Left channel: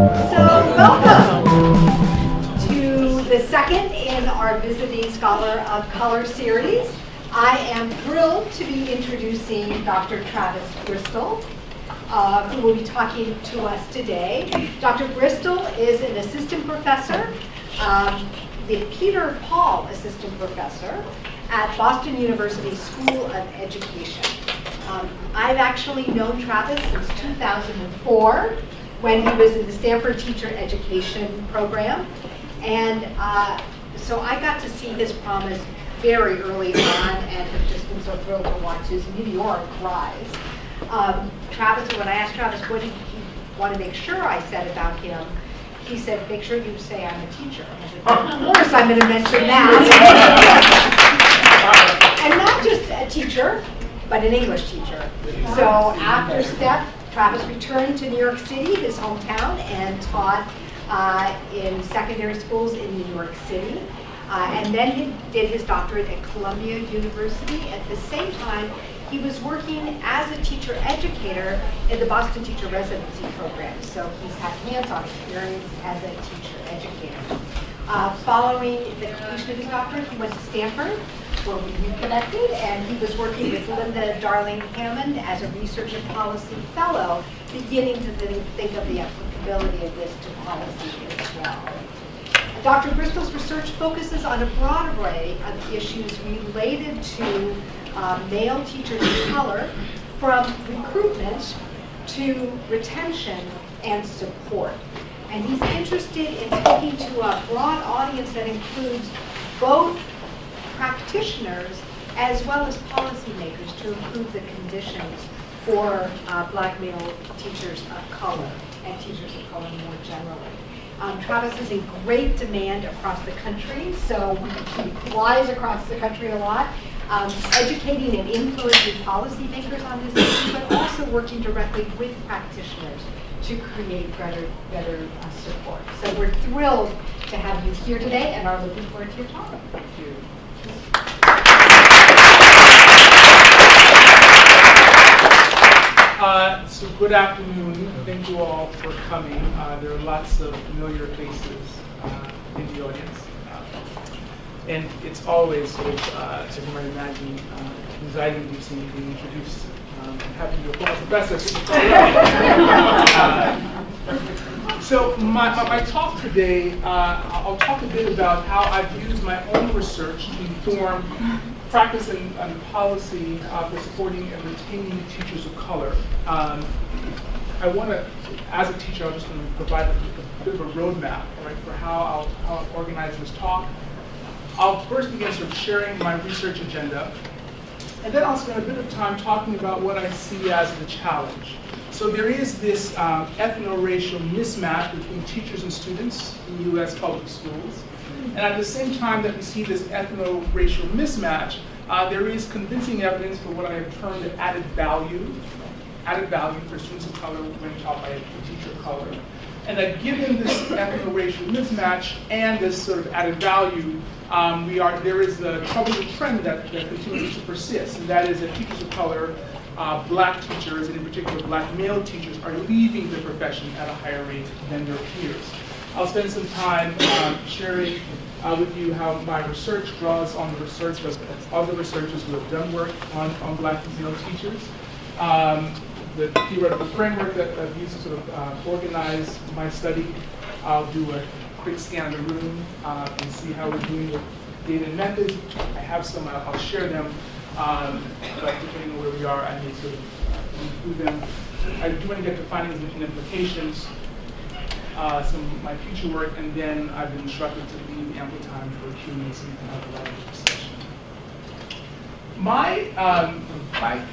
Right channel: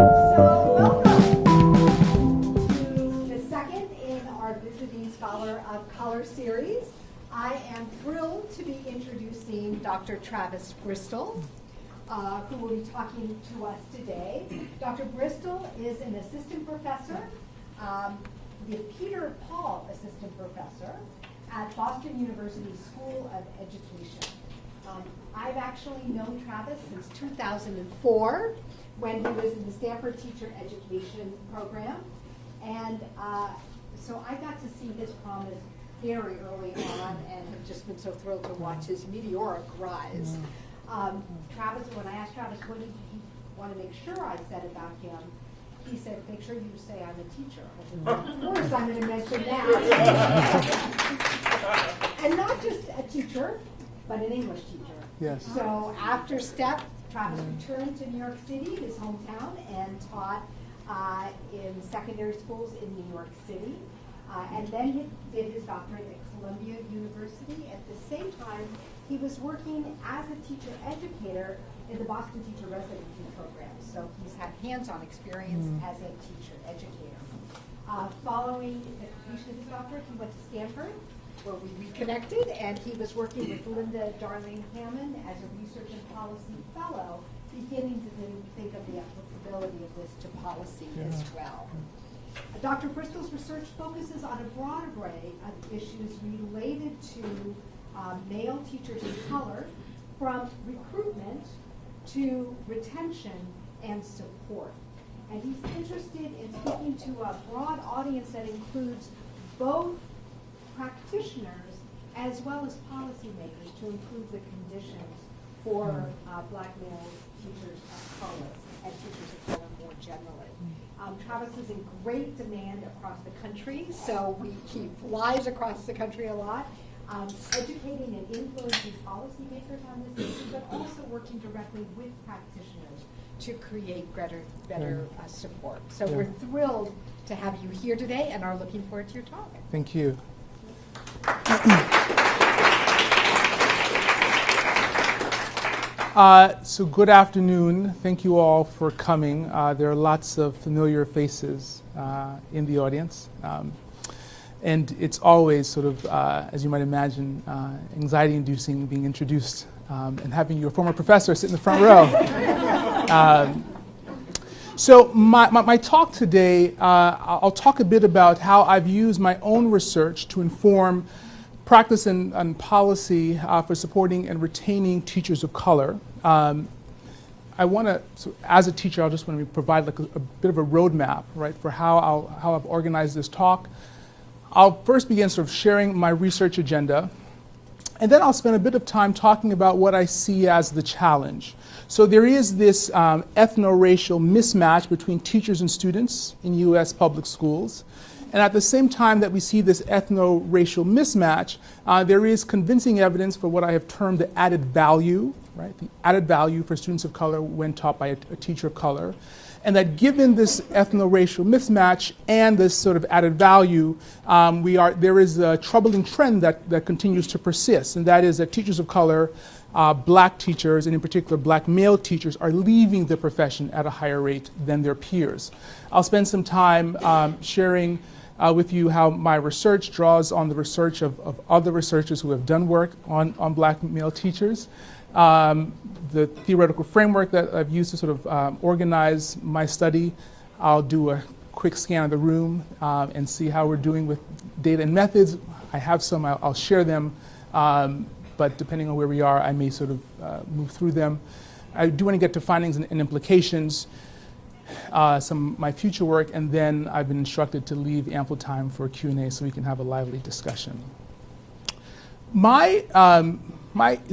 So welcome to the second in our Visiting Scholar of Color series. I am thrilled to be introducing Dr. Travis Bristol, who will be talking to us today. Dr. Bristol is an assistant professor, the Peter Paul Assistant Professor at Boston University School of Education. I've actually known Travis since 2004 when he was in the Stanford Teacher Education Program. And so I got to see his promise very early on and have just been so thrilled to watch his meteoric rise. Travis, when I asked Travis what did he want to make sure I said about him, he said, make sure you say I'm a teacher. And I said, of course I'm going to mention that. And not just a teacher, but an English teacher. So after STEP, Travis returned to New York City, his hometown, and taught in secondary schools in New York City. And then he did his doctorate at Columbia University. At the same time, he was working as a teacher educator in the Boston Teacher Residency program. So he's had hands-on experience as a teacher educator. Following the completion of his doctorate, he went to Stanford, where we reconnected, and he was working with Linda Darling Hammond as a research and policy fellow, beginning to think of the applicability of this to policy as well. Dr. Bristol's research focuses on a broad array of issues related to male teachers of color, from recruitment to retention and support. And he's interested in speaking to a broad audience that includes both practitioners as well as policymakers to improve the conditions for black male teachers of color and teachers of color more generally. Travis is in great demand across the country, so he flies across the country a lot, educating and influencing policymakers on this issue, but also working directly with practitioners to create better support. So we're thrilled to have you here today and are looking forward to your talk. Thank you. So good afternoon. Thank you all for coming. There are lots of familiar faces in the audience. And it's always sort of, as you might imagine, anxiety-inducing being introduced and having your former professor sit in the front row. So my talk today, I'll talk a bit about how I've used my own research to inform practice and policy for supporting and retaining teachers of color. I want to, as a teacher, I just want to provide a bit of a roadmap, right, for how I've organized this talk. I'll first begin sort of sharing my research agenda, and then I'll spend a bit of time talking about what I see as the challenge. So there is this ethno-racial mismatch between teachers and students in U.S. public schools. And at the same time that we see this ethno-racial mismatch, there is convincing evidence for what I have termed the added value, right? Added value for students of color when taught by a teacher of color. And that given this ethno-racial mismatch and this sort of added value, there is a troubling trend that continues to persist, and that is that teachers of color, black teachers, and in particular black male teachers, are leaving the profession at a higher rate than their peers. I'll spend some time sharing with you how my research draws on the research of other researchers who have done work on black male teachers. The theoretical framework that I've used to sort of organize my study. I'll do a quick scan of the room and see how we're doing with data and methods. I have some, I'll share them, but depending on where we are, I may sort of move through them. I do want to get to findings and implications, some of my future work, and then I've been instructed to leave ample time for Q&A so we can have a lively discussion. My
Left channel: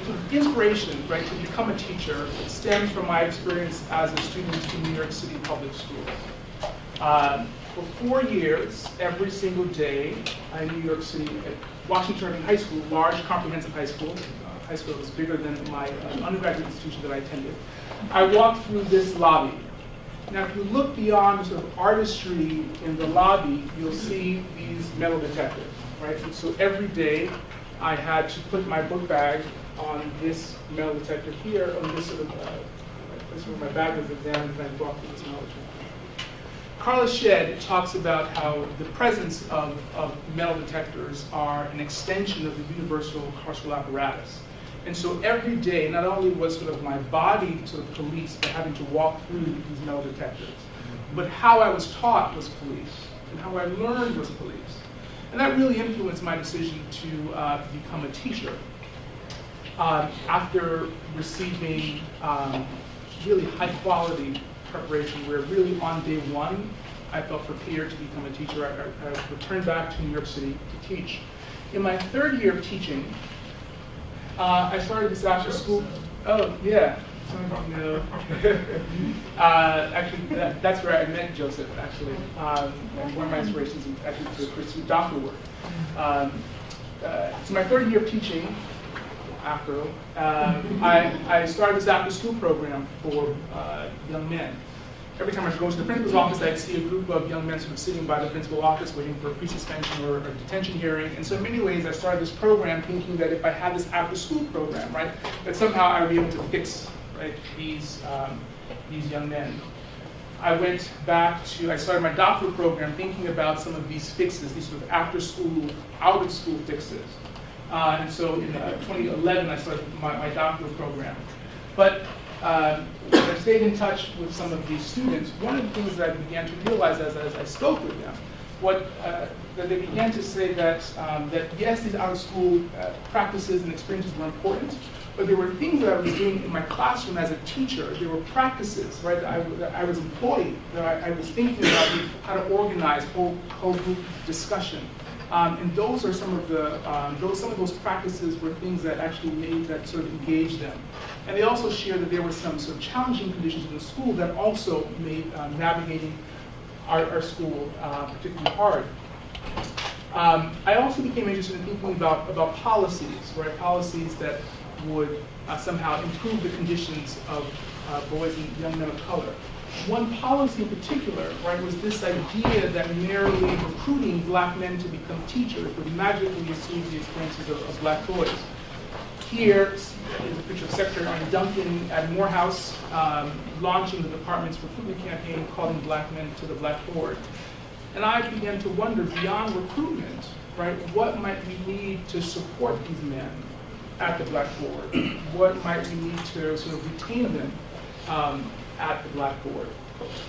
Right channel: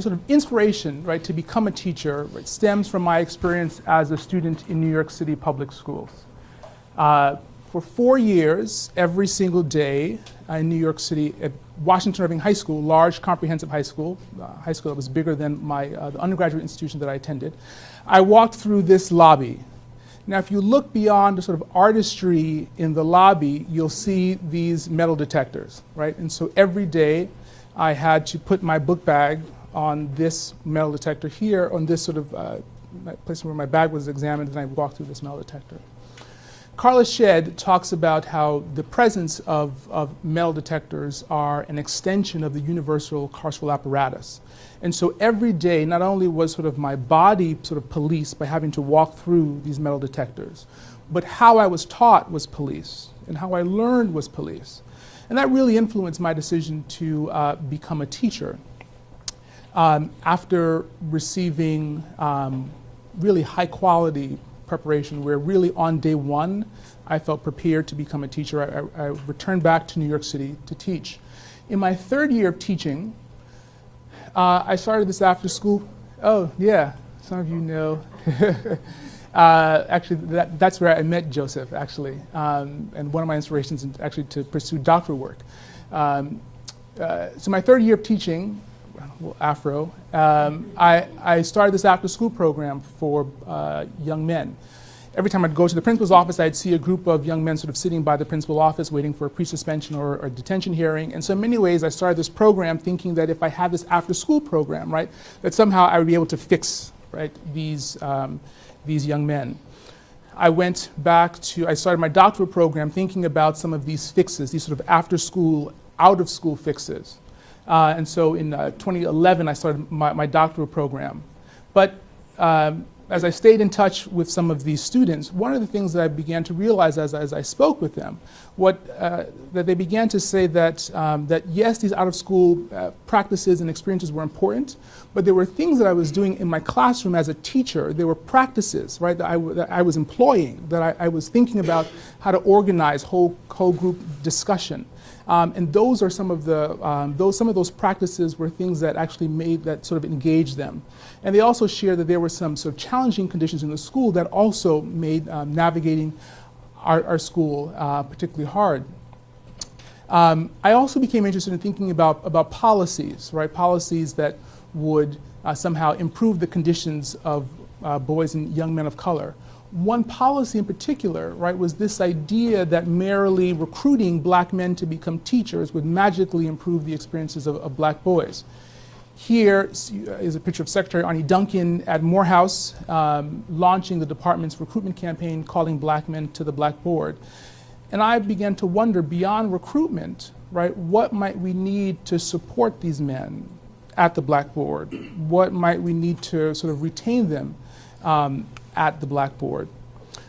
sort of inspiration, right, to become a teacher stems from my experience as a student in New York City public schools. For 4 years, every single day in New York City at Washington Irving High School, large comprehensive high school that was bigger than my undergraduate institution that I attended, I walked through this lobby. Now, if you look beyond the sort of artistry in the lobby, you'll see these metal detectors, right? And so every day, I had to put my book bag on this metal detector here, on this sort of place where my bag was examined, and I walked through this metal detector. Carla Shedd talks about how the presence of metal detectors are an extension of the universal carceral apparatus. And so every day, not only was sort of my body sort of policed by having to walk through these metal detectors, but how I was taught was police, and how I learned was police. And that really influenced my decision to become a teacher. After receiving really high quality preparation, where really on day one, I felt prepared to become a teacher, I returned back to New York City to teach. In my third year of teaching, I started this after school. Oh, yeah, some of you know. Actually, that's where I met Joseph, actually. And one of my inspirations is actually to pursue doctoral work. So my third year of teaching, Afro, I started this after school program for young men. Every time I'd go to the principal's office, I'd see a group of young men sort of sitting by the principal's office waiting for a pre-suspension or a detention hearing. And so in many ways, I started this program thinking that if I had this after-school program, right, that somehow I would be able to fix, right, these young men. I went back to, I started my doctoral program thinking about some of these fixes, these sort of after-school, out-of-school fixes. And so in 2011, I started my doctoral program. But as I stayed in touch with some of these students, one of the things that I began to realize as I spoke with them, that they began to say that yes, these out-of-school practices and experiences were important, but there were things that I was doing in my classroom as a teacher. There were practices, right, that I was employing, that I was thinking about how to organize whole group discussion. And those are some of those practices were things that actually made that sort of engage them. And they also shared that there were some sort of challenging conditions in the school that also made navigating our school particularly hard. I also became interested in thinking about policies, right? Policies that would somehow improve the conditions of boys and young men of color. One policy in particular, right, was this idea that merely recruiting black men to become teachers would magically improve the experiences of black boys. Here is a picture of Secretary Arnie Duncan at Morehouse launching the department's recruitment campaign, calling black men to the blackboard. And I began to wonder, beyond recruitment, right, what might we need to support these men at the blackboard? What might we need to sort of retain them at the blackboard?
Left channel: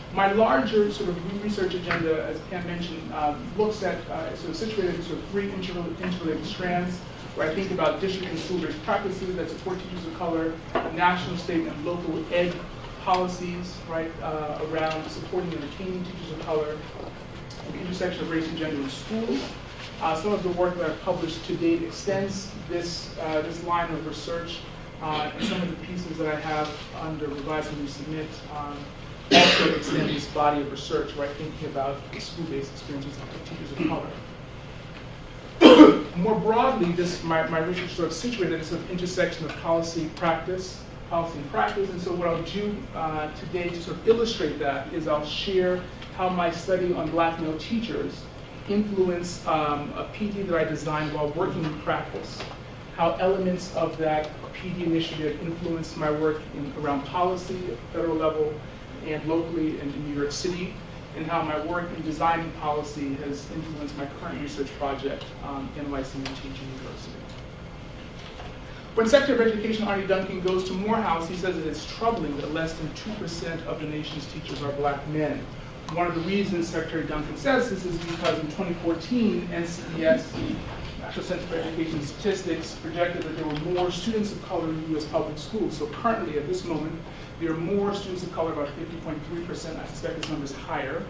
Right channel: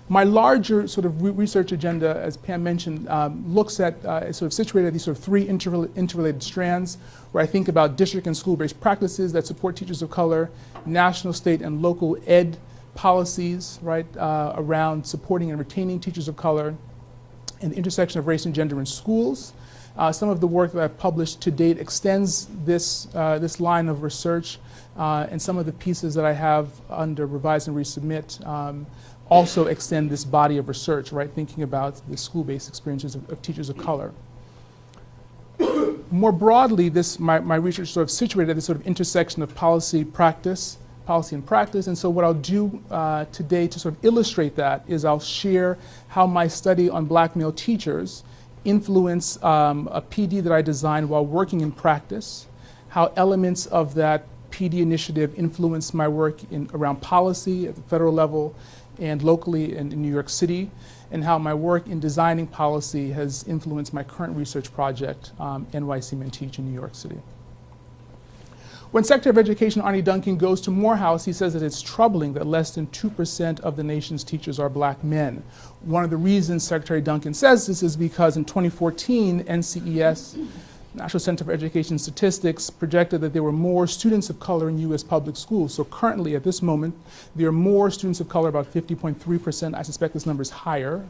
My larger sort of research agenda, as Pam mentioned, looks at sort of situated these sort of three interrelated strands, where I think about district and school-based practices that support teachers of color, national, state, and local ed policies, right, around supporting and retaining teachers of color, and intersection of race and gender in schools. Some of the work that I've published to date extends this line of research, and some of the pieces that I have under Revise and Resubmit also extend this body of research, right, thinking about the school-based experiences of teachers of color. More broadly, my research is sort of situated at this sort of intersection of policy and practice. And so what I'll do today to sort of illustrate that is I'll share how my study on black male teachers influence a PD that I designed while working in practice, how elements of that PD initiative influence my work around policy at the federal level and locally in New York City, and how my work in designing policy has influenced my current research project, NYC Men Teach in New York City. When Secretary of Education Arnie Duncan goes to Morehouse, he says that it's troubling that less than 2% of the nation's teachers are black men. One of the reasons Secretary Duncan says this is because in 2014, NCES, National Center for Education Statistics, projected that there were more students of color in U.S. public schools. So currently, at this moment, there are more students of color, about 50.3%. I suspect this number is higher.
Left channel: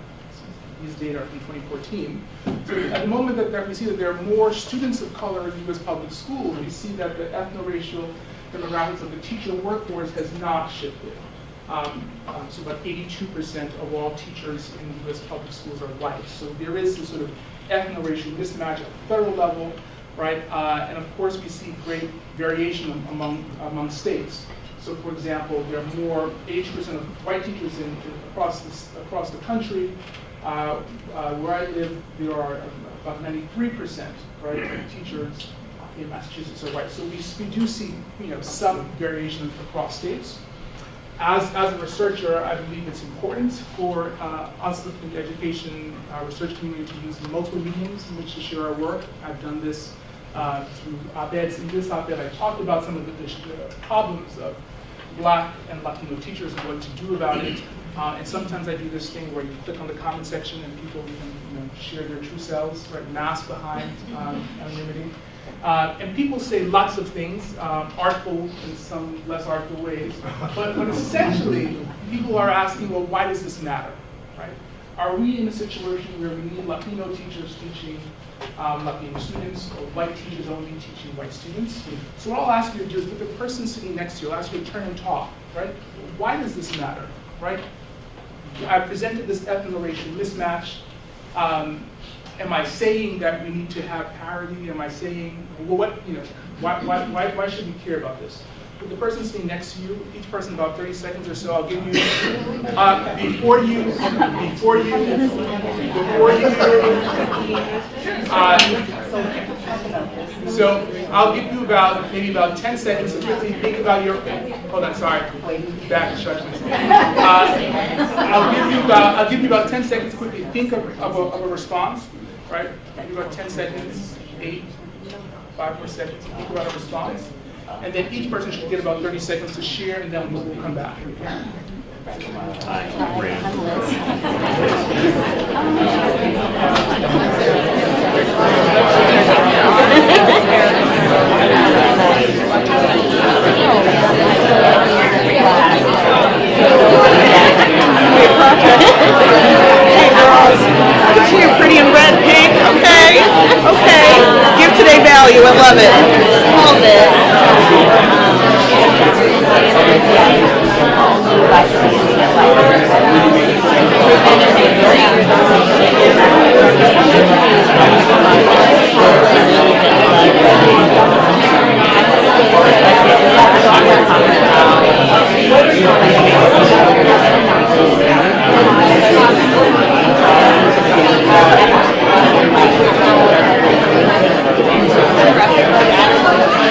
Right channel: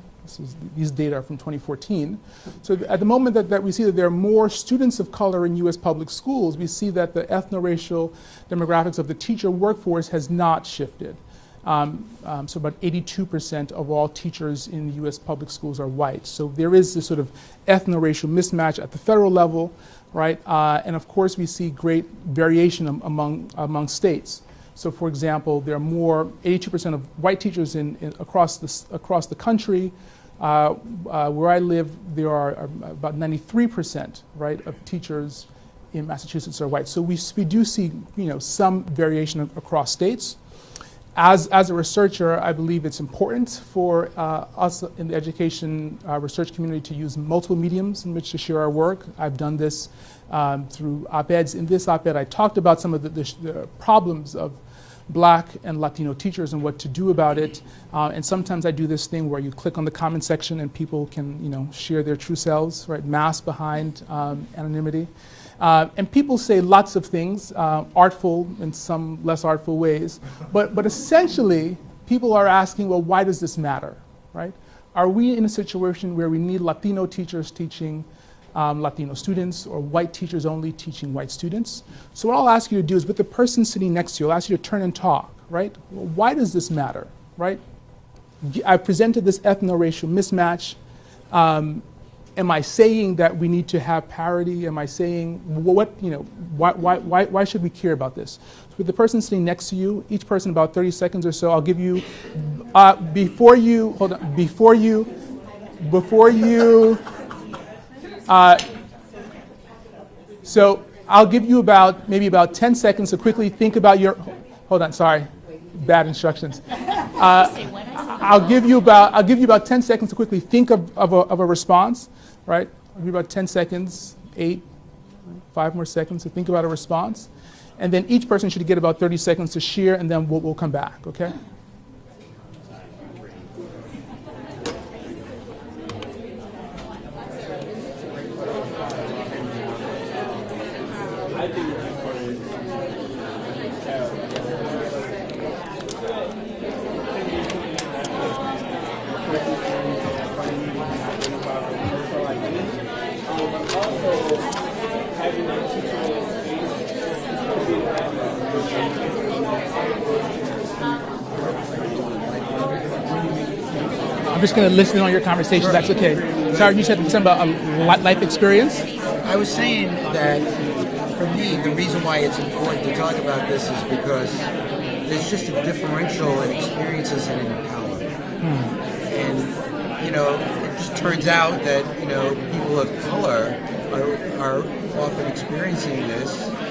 These data are from 2014. So at the moment that we see that there are more students of color in U.S. public schools, we see that the ethno-racial demographics of the teacher workforce has not shifted. So about 82% of all teachers in U.S. public schools are white. So there is this sort of ethno-racial mismatch at the federal level, right? And of course, we see great variation among states. So for example, there are more, 82% of white teachers across the country. Where I live, there are about 93%, right, of teachers in Massachusetts are white. So we do see, some variation across states. As a researcher, I believe it's important for us in the education research community to use multiple mediums in which to share our work. I've done this through op-eds. In this op-ed, I talked about some of the problems of Black and Latino teachers and what to do about it. And sometimes I do this thing where you click on the comment section and people can share their true selves, right? Mask behind anonymity. And people say lots of things, artful in some less artful ways. But essentially, people are asking, well, why does this matter, right? Are we in a situation where we need Latino teachers teaching Latino students, or white teachers only teaching white students? So what I'll ask you to do is, with the person sitting next to you, I'll ask you to turn and talk, right? Why does this matter, right? I've presented this ethno-racial mismatch. Am I saying that we need to have parity? Am I saying, why should we care about this? With the person sitting next to you, each person about 30 seconds or so, I'll give you, so I'll give you maybe about 10 seconds to quickly think about your, hold on, sorry, bad instructions. I'll give you about 10 seconds to quickly think of a response, right? I'll give you about 10 seconds, 8, 5 more seconds to think about a response. And then each person should get about 30 seconds to share, and then we'll come back, okay? You're pretty in red, pink. Okay. Okay. Give today value. I love it. Hold it.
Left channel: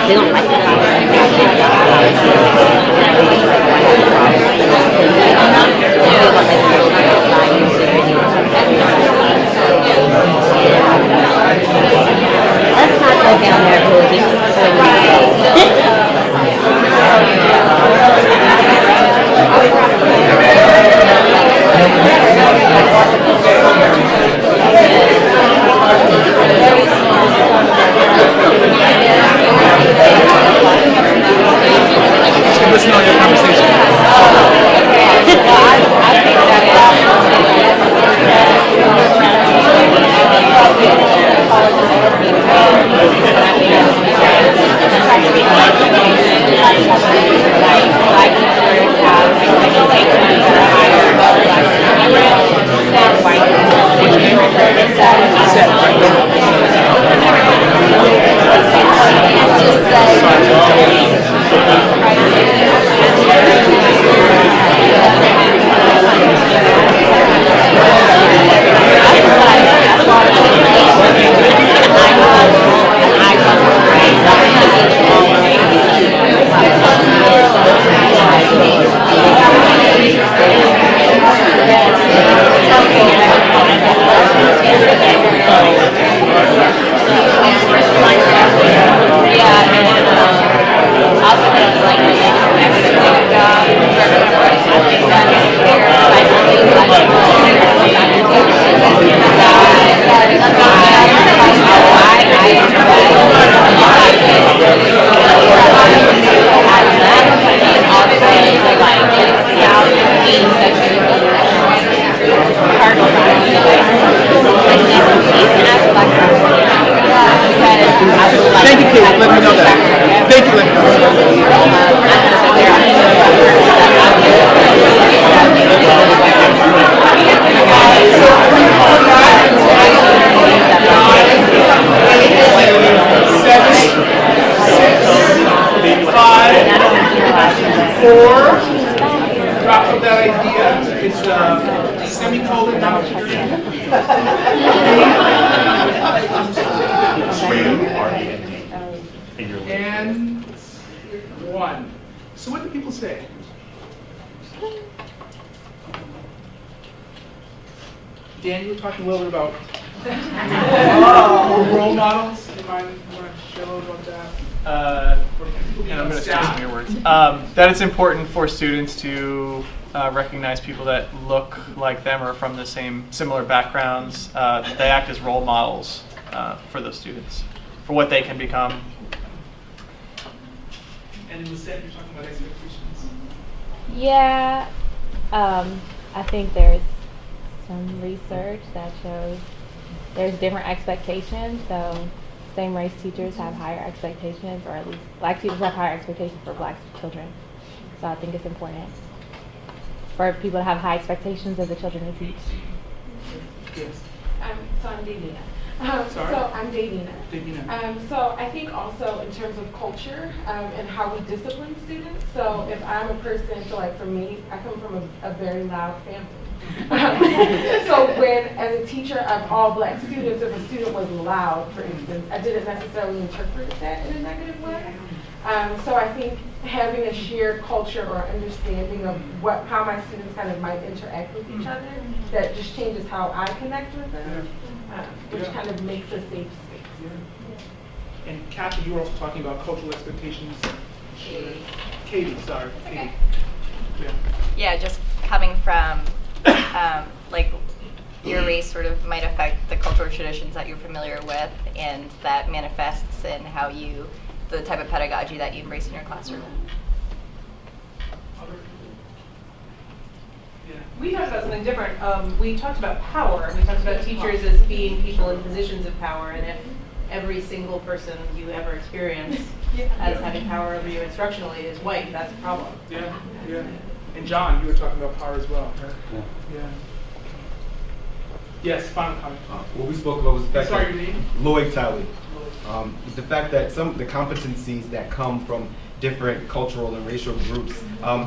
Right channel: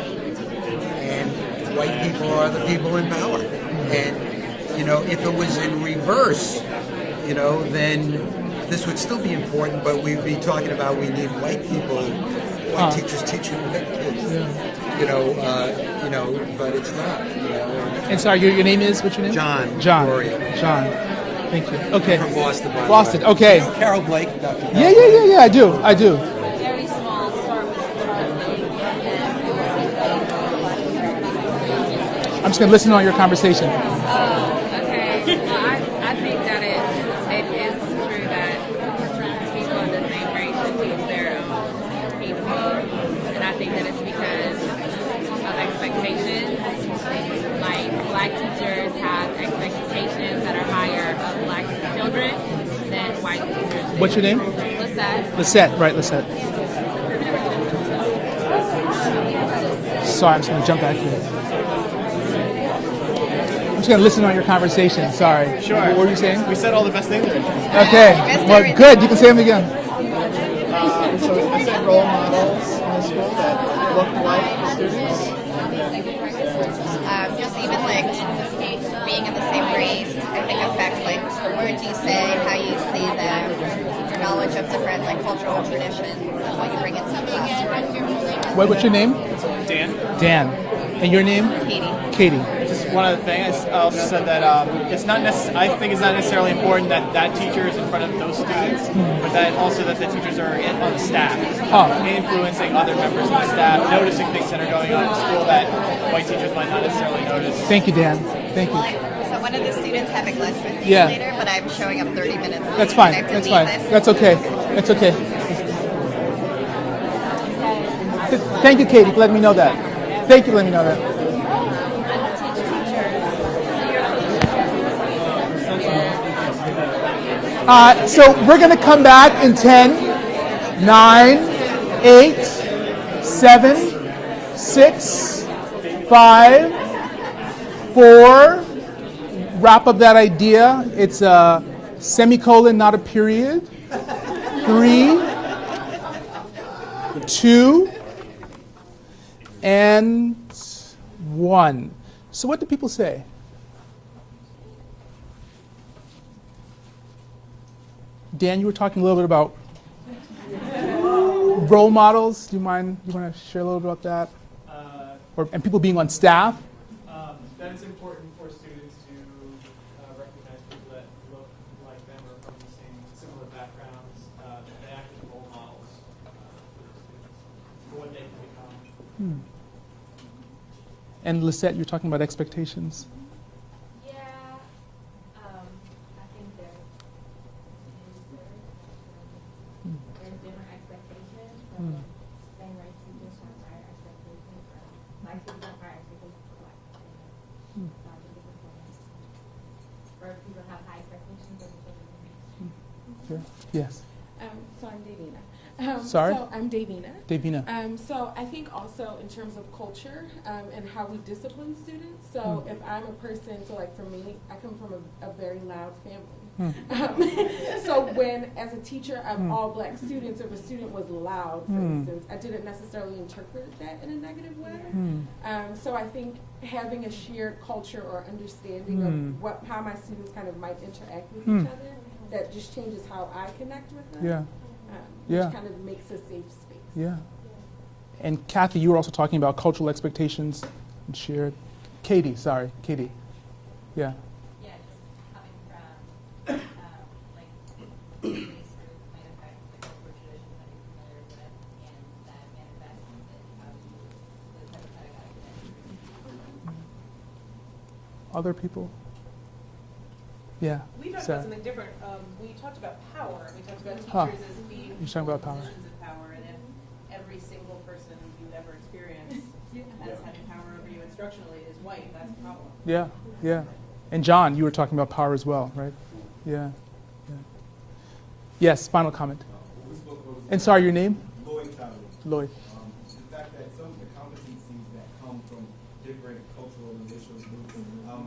They don't like that. Let's not go down there, Ruby. Okay. Yeah, I do. Just gonna listen on your conversation. What's your name? Seth, right? Thank you, Kate. Let me know that. Thank you, let me know so we're going to come back in 10, 9, 8, 7, 6, 5, 4. Wrap up that idea. It's a semicolon, not a period. 3, 2, and 1. So what do people say? Dan, you were talking a little bit about role models. Do you want to share a little bit about that? And people being on staff. That it's important for students to recognize people that look like them or from the similar backgrounds. They act as role models for those students, for what they can become. And Lisette, you're talking about expectations. Yeah, I think there's some research that shows there's different expectations. So same race teachers have higher expectations, or at least black teachers have higher expectations for black children. So I think it's important for people to have high expectations of the children they teach. Yes. So I'm Davina. Sorry? So I'm Davina. Davina. So I think also in terms of culture and how we discipline students. So if I'm a person, so like for me, I come from a very loud family. So when, as a teacher of all black students, if a student was loud, for instance, I didn't necessarily interpret that in a negative way. So I think having a shared culture or understanding of how my students kind of might interact with each other, that just changes how I connect with them. Which kind of makes a safe space. Yeah. And Kathy, you were also talking about cultural expectations and shared. Katie, sorry, Katie. Okay. Yeah. Yeah, just coming from like your race sort of might affect the cultural traditions that you're familiar with, and that manifests in how the type of pedagogy that you embrace in your classroom. Other people? Yeah. We talked about Sarah. something different. We talked about power. We talked about teachers as being Let's talk people in about power. positions of power, and if every single person you ever experience as having power over you instructionally is white, that's a problem. Yeah, yeah. And John, you were talking about power as well, right? Yeah. Yes, final comment. What we spoke about was the And fact sorry, that- your name? Lloyd Talley. Lloyd. The fact that some of the competencies that come from different cultural and racial groups,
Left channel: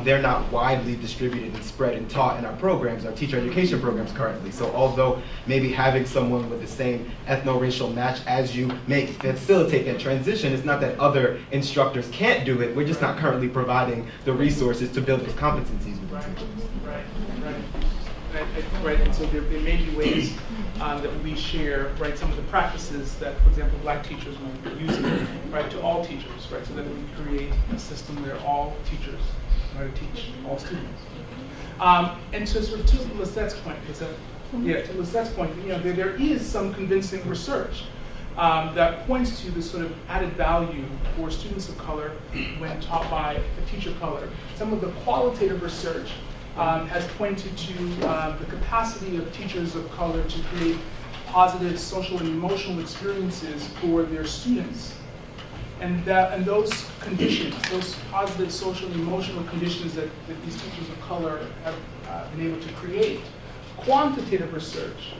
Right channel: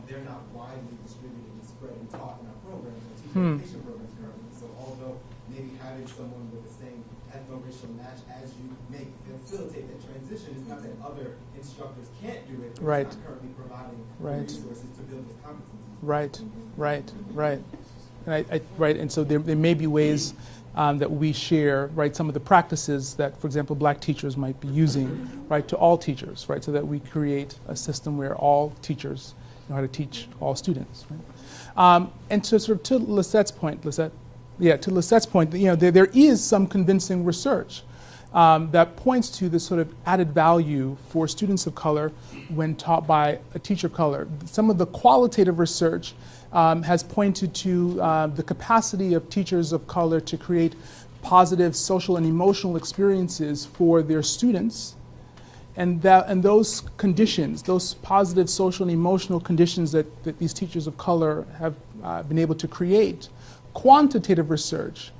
they're not widely distributed and spread and taught in our programs, our teacher education programs currently. So although maybe having someone with the same ethno-racial match as you may facilitate that transition, it's not that other instructors can't do it. We're just not currently providing the resources to build those competencies. Right. And so there may be ways that we share, right, some of the practices that, for example, black teachers might be using, right, to all teachers, right, so that we create a system where all teachers know how to teach all students. And to sort of to Lisette's point, there is some convincing research that points to the sort of added value for students of color when taught by a teacher of color. Some of the qualitative research has pointed to the capacity of teachers of color to create positive social and emotional experiences for their students, and those conditions, those positive social and emotional conditions that these teachers of color have been able to create. Quantitative research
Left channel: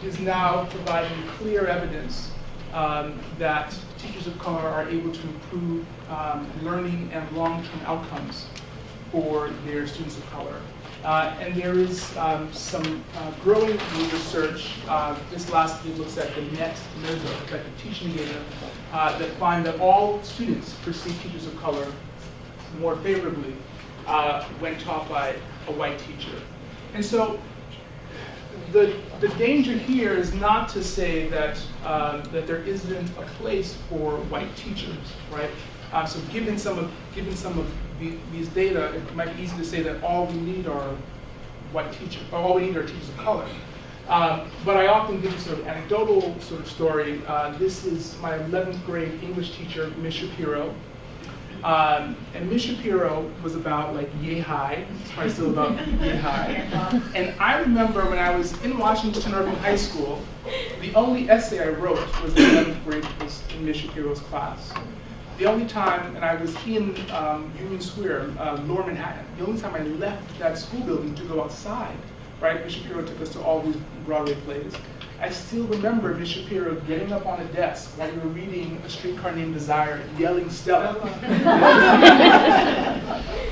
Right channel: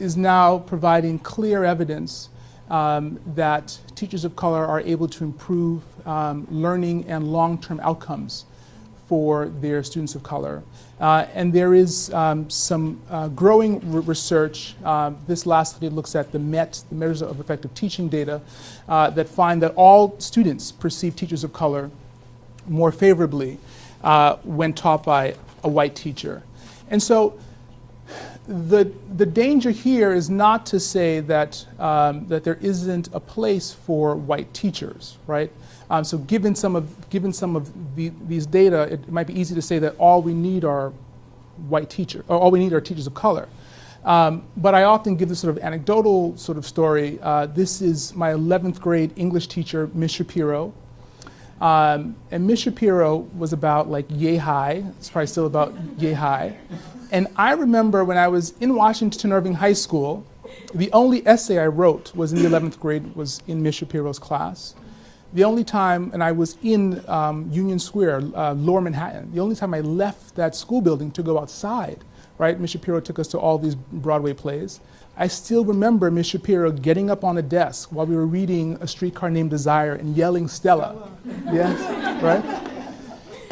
is now providing clear evidence that teachers of color are able to improve learning and long-term outcomes for their students of color. And there is some growing research. This lastly looks at the MET, the measures of effective teaching data, that find that all students perceive teachers of color more favorably when taught by a white teacher. And so the danger here is not to say that, that there isn't a place for white teachers, right? So given some of these data, it might be easy to say that all we need are white teachers, or all we need are teachers of color. But I often give this sort of anecdotal sort of story. This is my 11th grade English teacher, Miss Shapiro. And Miss Shapiro was about like yay high. It's probably still about yay high. And I remember when I was in Washington Irving High School, the only essay I wrote was in the 11th grade, was in Miss Shapiro's class. The only time, and I was in Union Square, Lower Manhattan, the only time I left that school building to go outside, right? Miss Shapiro took us to all these Broadway plays. I still remember Miss Shapiro getting up on a desk while we were reading A Streetcar Named Desire and yelling Stella.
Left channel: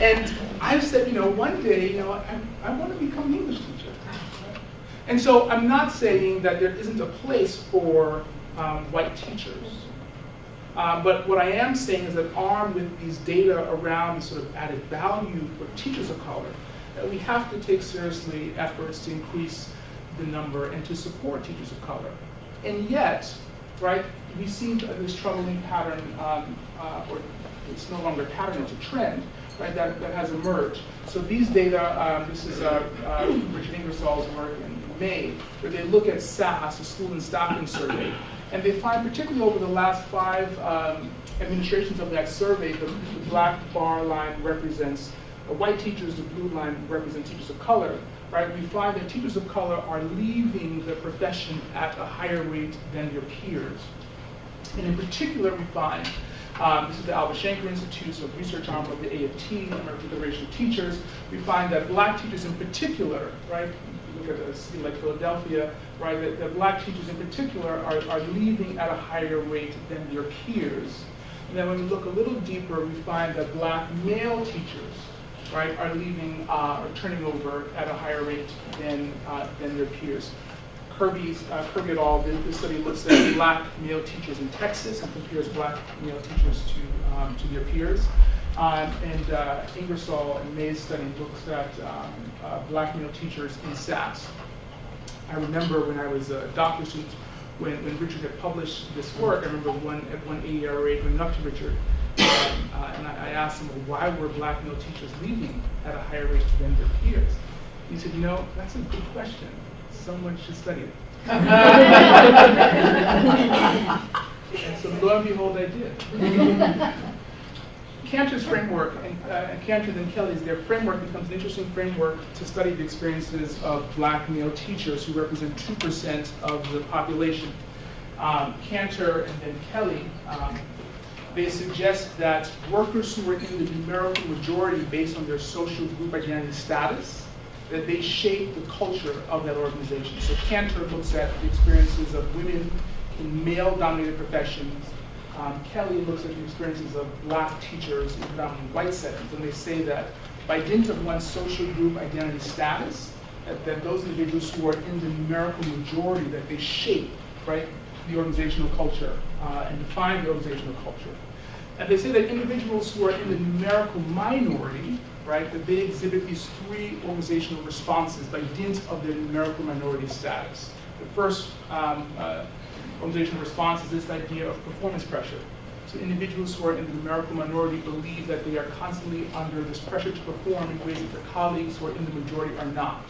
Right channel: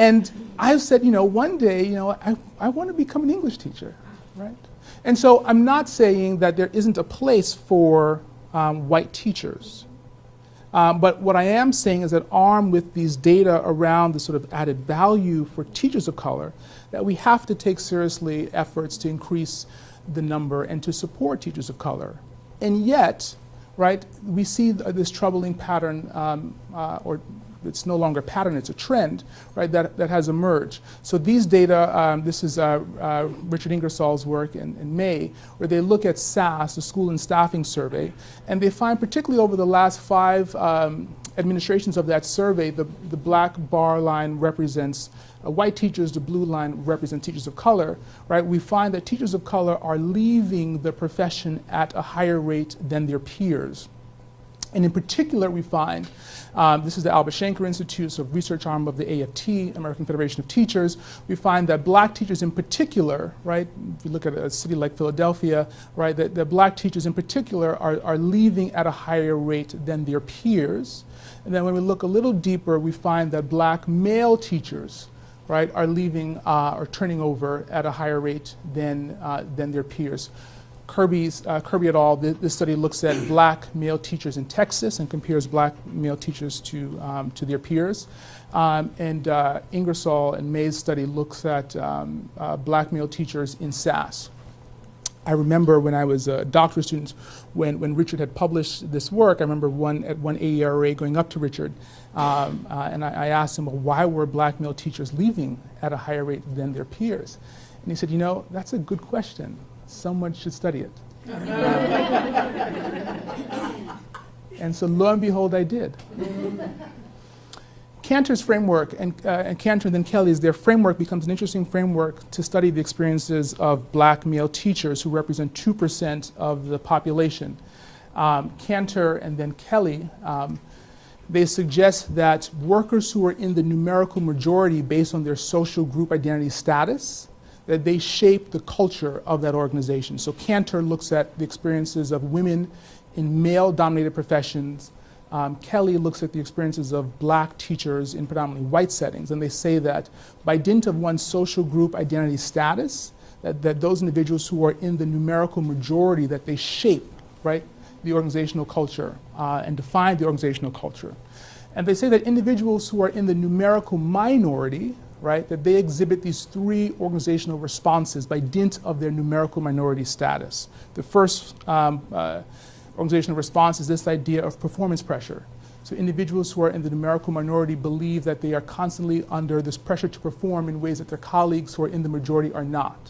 And I've said, one day, I want to become an English teacher. Right? And so I'm not saying that there isn't a place for white teachers. But what I am saying is that armed with these data around the sort of added value for teachers of color, that we have to take seriously efforts to increase the number and to support teachers of color. And yet, right, we see this troubling pattern, or it's no longer a pattern, it's a trend, right, that has emerged. So these data, this is Richard Ingersoll's work in May, where they look at SAS, the School and Staffing Survey, and they find, particularly over the last 5 administrations of that survey, the black bar line represents white teachers, the blue line represents teachers of color, right? We find that teachers of color are leaving the profession at a higher rate than their peers. And in particular, we find, this is the Albert Shanker Institute, so research arm of the AFT, American Federation of Teachers. We find that black teachers in particular, right, if you look at a city like Philadelphia, right, the black teachers in particular are leaving at a higher rate than their peers. And then when we look a little deeper, we find that black male teachers, right, are leaving or turning over at a higher rate than their peers. Kirby et al., this study looks at black male teachers in Texas and compares black male teachers to their peers. And Ingersoll and May's study looks at black male teachers in SAS. I remember when I was a doctoral student, when Richard had published this work, I remember at one AERA going up to Richard, and I asked him, well, why were black male teachers leaving at a higher rate than their peers? And he said, you know, that's a good question. Someone should study it. And so lo and behold, I did. Cantor's framework, and Cantor and then Kelly's, their framework becomes an interesting framework to study the experiences of black male teachers who represent 2% of the population. Cantor and then Kelly, they suggest that workers who are in the numerical majority based on their social group identity status, that they shape the culture of that organization. So Cantor looks at the experiences of women in male-dominated professions. Kelly looks at the experiences of black teachers in predominantly white settings, and they say that by dint of one's social group identity status, that those individuals who are in the numerical majority, that they shape, right, the organizational culture and define the organizational culture. And they say that individuals who are in the numerical minority, right, that they exhibit these 3 organizational responses by dint of their numerical minority status. The first organizational response is this idea of performance pressure. So individuals who are in the numerical minority believe that they are constantly under this pressure to perform in ways that their colleagues who are in the majority are not.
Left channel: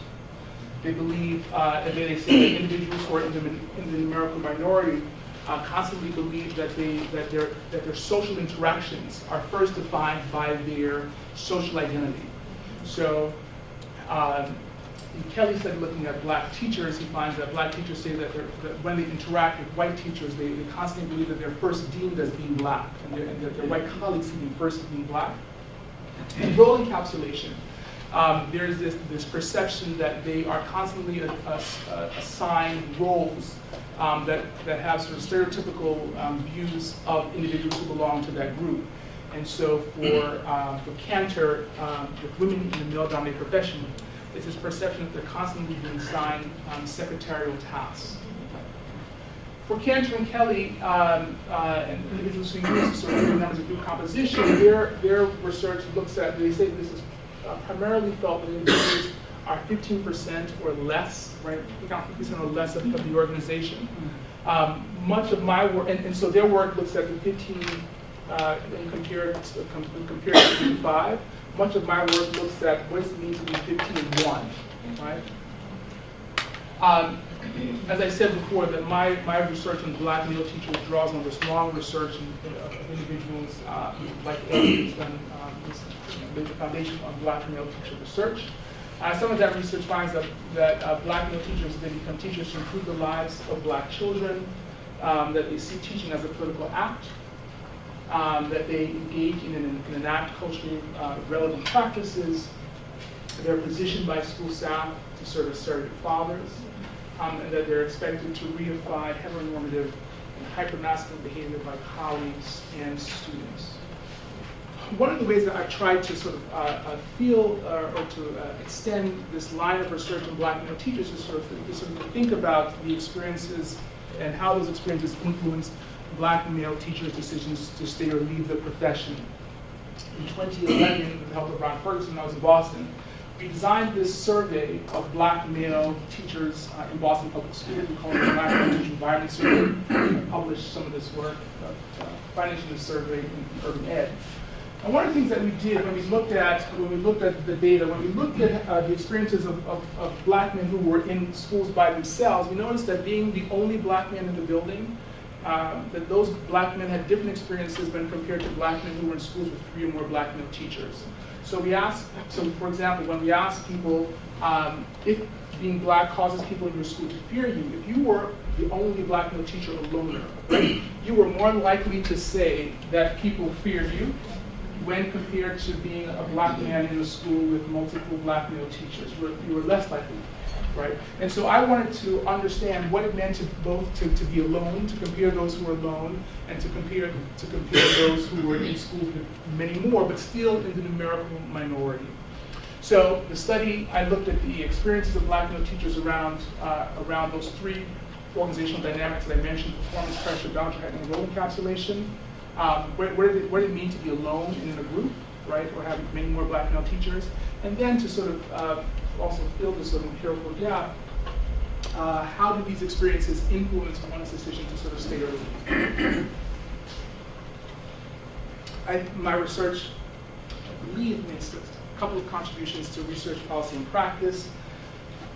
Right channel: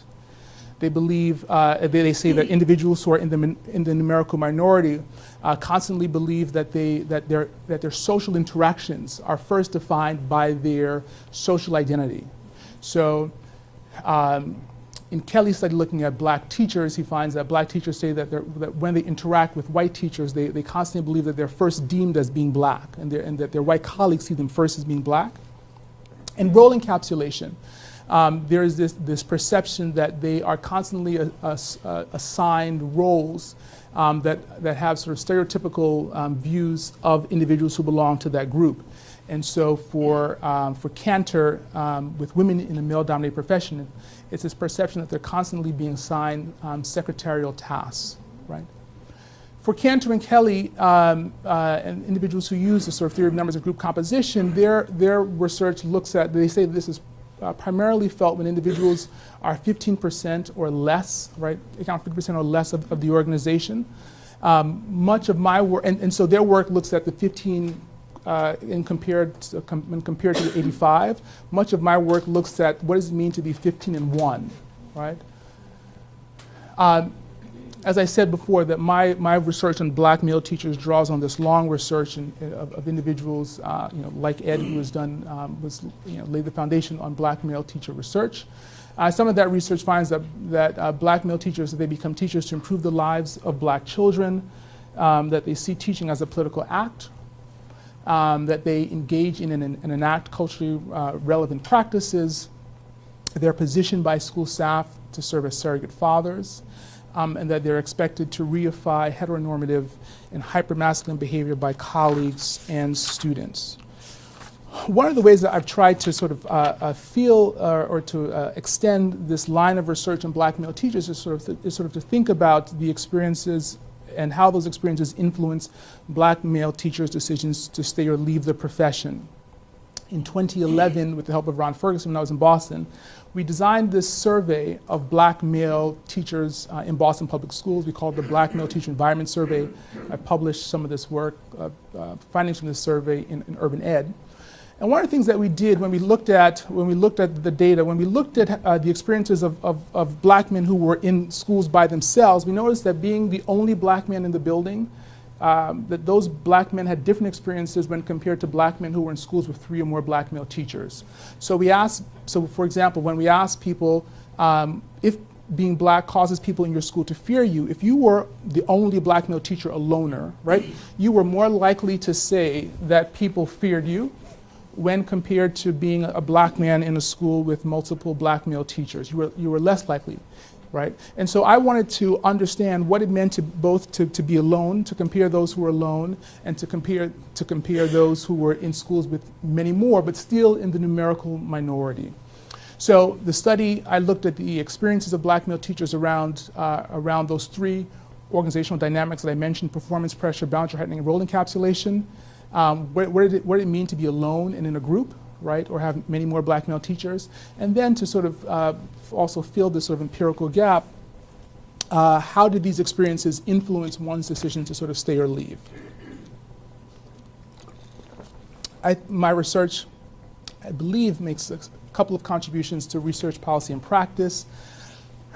They believe, they say that individuals who are in the numerical minority constantly believe that their social interactions are first defined by their social identity. So in Kelly's study looking at black teachers, he finds that black teachers say that when they interact with white teachers, they constantly believe that they're first deemed as being black, and that their white colleagues see them first as being black. And role encapsulation. There is this perception that they are constantly assigned roles that have sort of stereotypical views of individuals who belong to that group. And so for Cantor, with women in the male-dominated profession, it's this perception that they're constantly being assigned secretarial tasks. Right? For Cantor and Kelly, and individuals who use the sort of theory of numbers and group composition, their research looks at, they say this is primarily felt when individuals are 15% or less, right, account for 15% or less of the organization. Much of my work, and so their work looks at the 15 when compared to 85. Much of my work looks at what does it mean to be 15 and 1, right? As I said before, that my research on black male teachers draws on this long research of individuals like Ed, who has done laid the foundation on black male teacher research. Some of that research finds that black male teachers, they become teachers to improve the lives of black children, that they see teaching as a political act, that they engage in and enact culturally relevant practices. They're positioned by school staff to serve as surrogate fathers, and that they're expected to reify heteronormative and hypermasculine behavior by colleagues and students. One of the ways that I've tried to sort of feel or to extend this line of research on black male teachers is sort of to think about the experiences and how those experiences influence black male teachers' decisions to stay or leave the profession. In 2011, with the help of Ron Ferguson when I was in Boston, we designed this survey of black male teachers in Boston public schools. We called it the Black Male Teacher Environment Survey. I published some of this work, findings from this survey in Urban Ed. And one of the things that we did when we looked at the data, when we looked at the experiences of black men who were in schools by themselves, we noticed that being the only black man in the building, that those black men had different experiences when compared to black men who were in schools with 3 or more black male teachers. So for example, when we asked people if being black causes people in your school to fear you, if you were the only black male teacher, a loner, right, you were more likely to say that people feared you when compared to being a black man in a school with multiple black male teachers. You were less likely, right? And so I wanted to understand what it meant to be alone, to compare those who were alone, and to compare those who were in schools with many more, but still in the numerical minority. So the study, I looked at the experiences of black male teachers around those 3 organizational dynamics that I mentioned: performance pressure, boundary heightening, and role encapsulation. What did it mean to be alone and in a group, right, or have many more black male teachers? And then to sort of also fill this sort of empirical gap, how did these experiences influence one's decision to sort of stay or leave? My research, I believe, makes a couple of contributions to research policy and practice.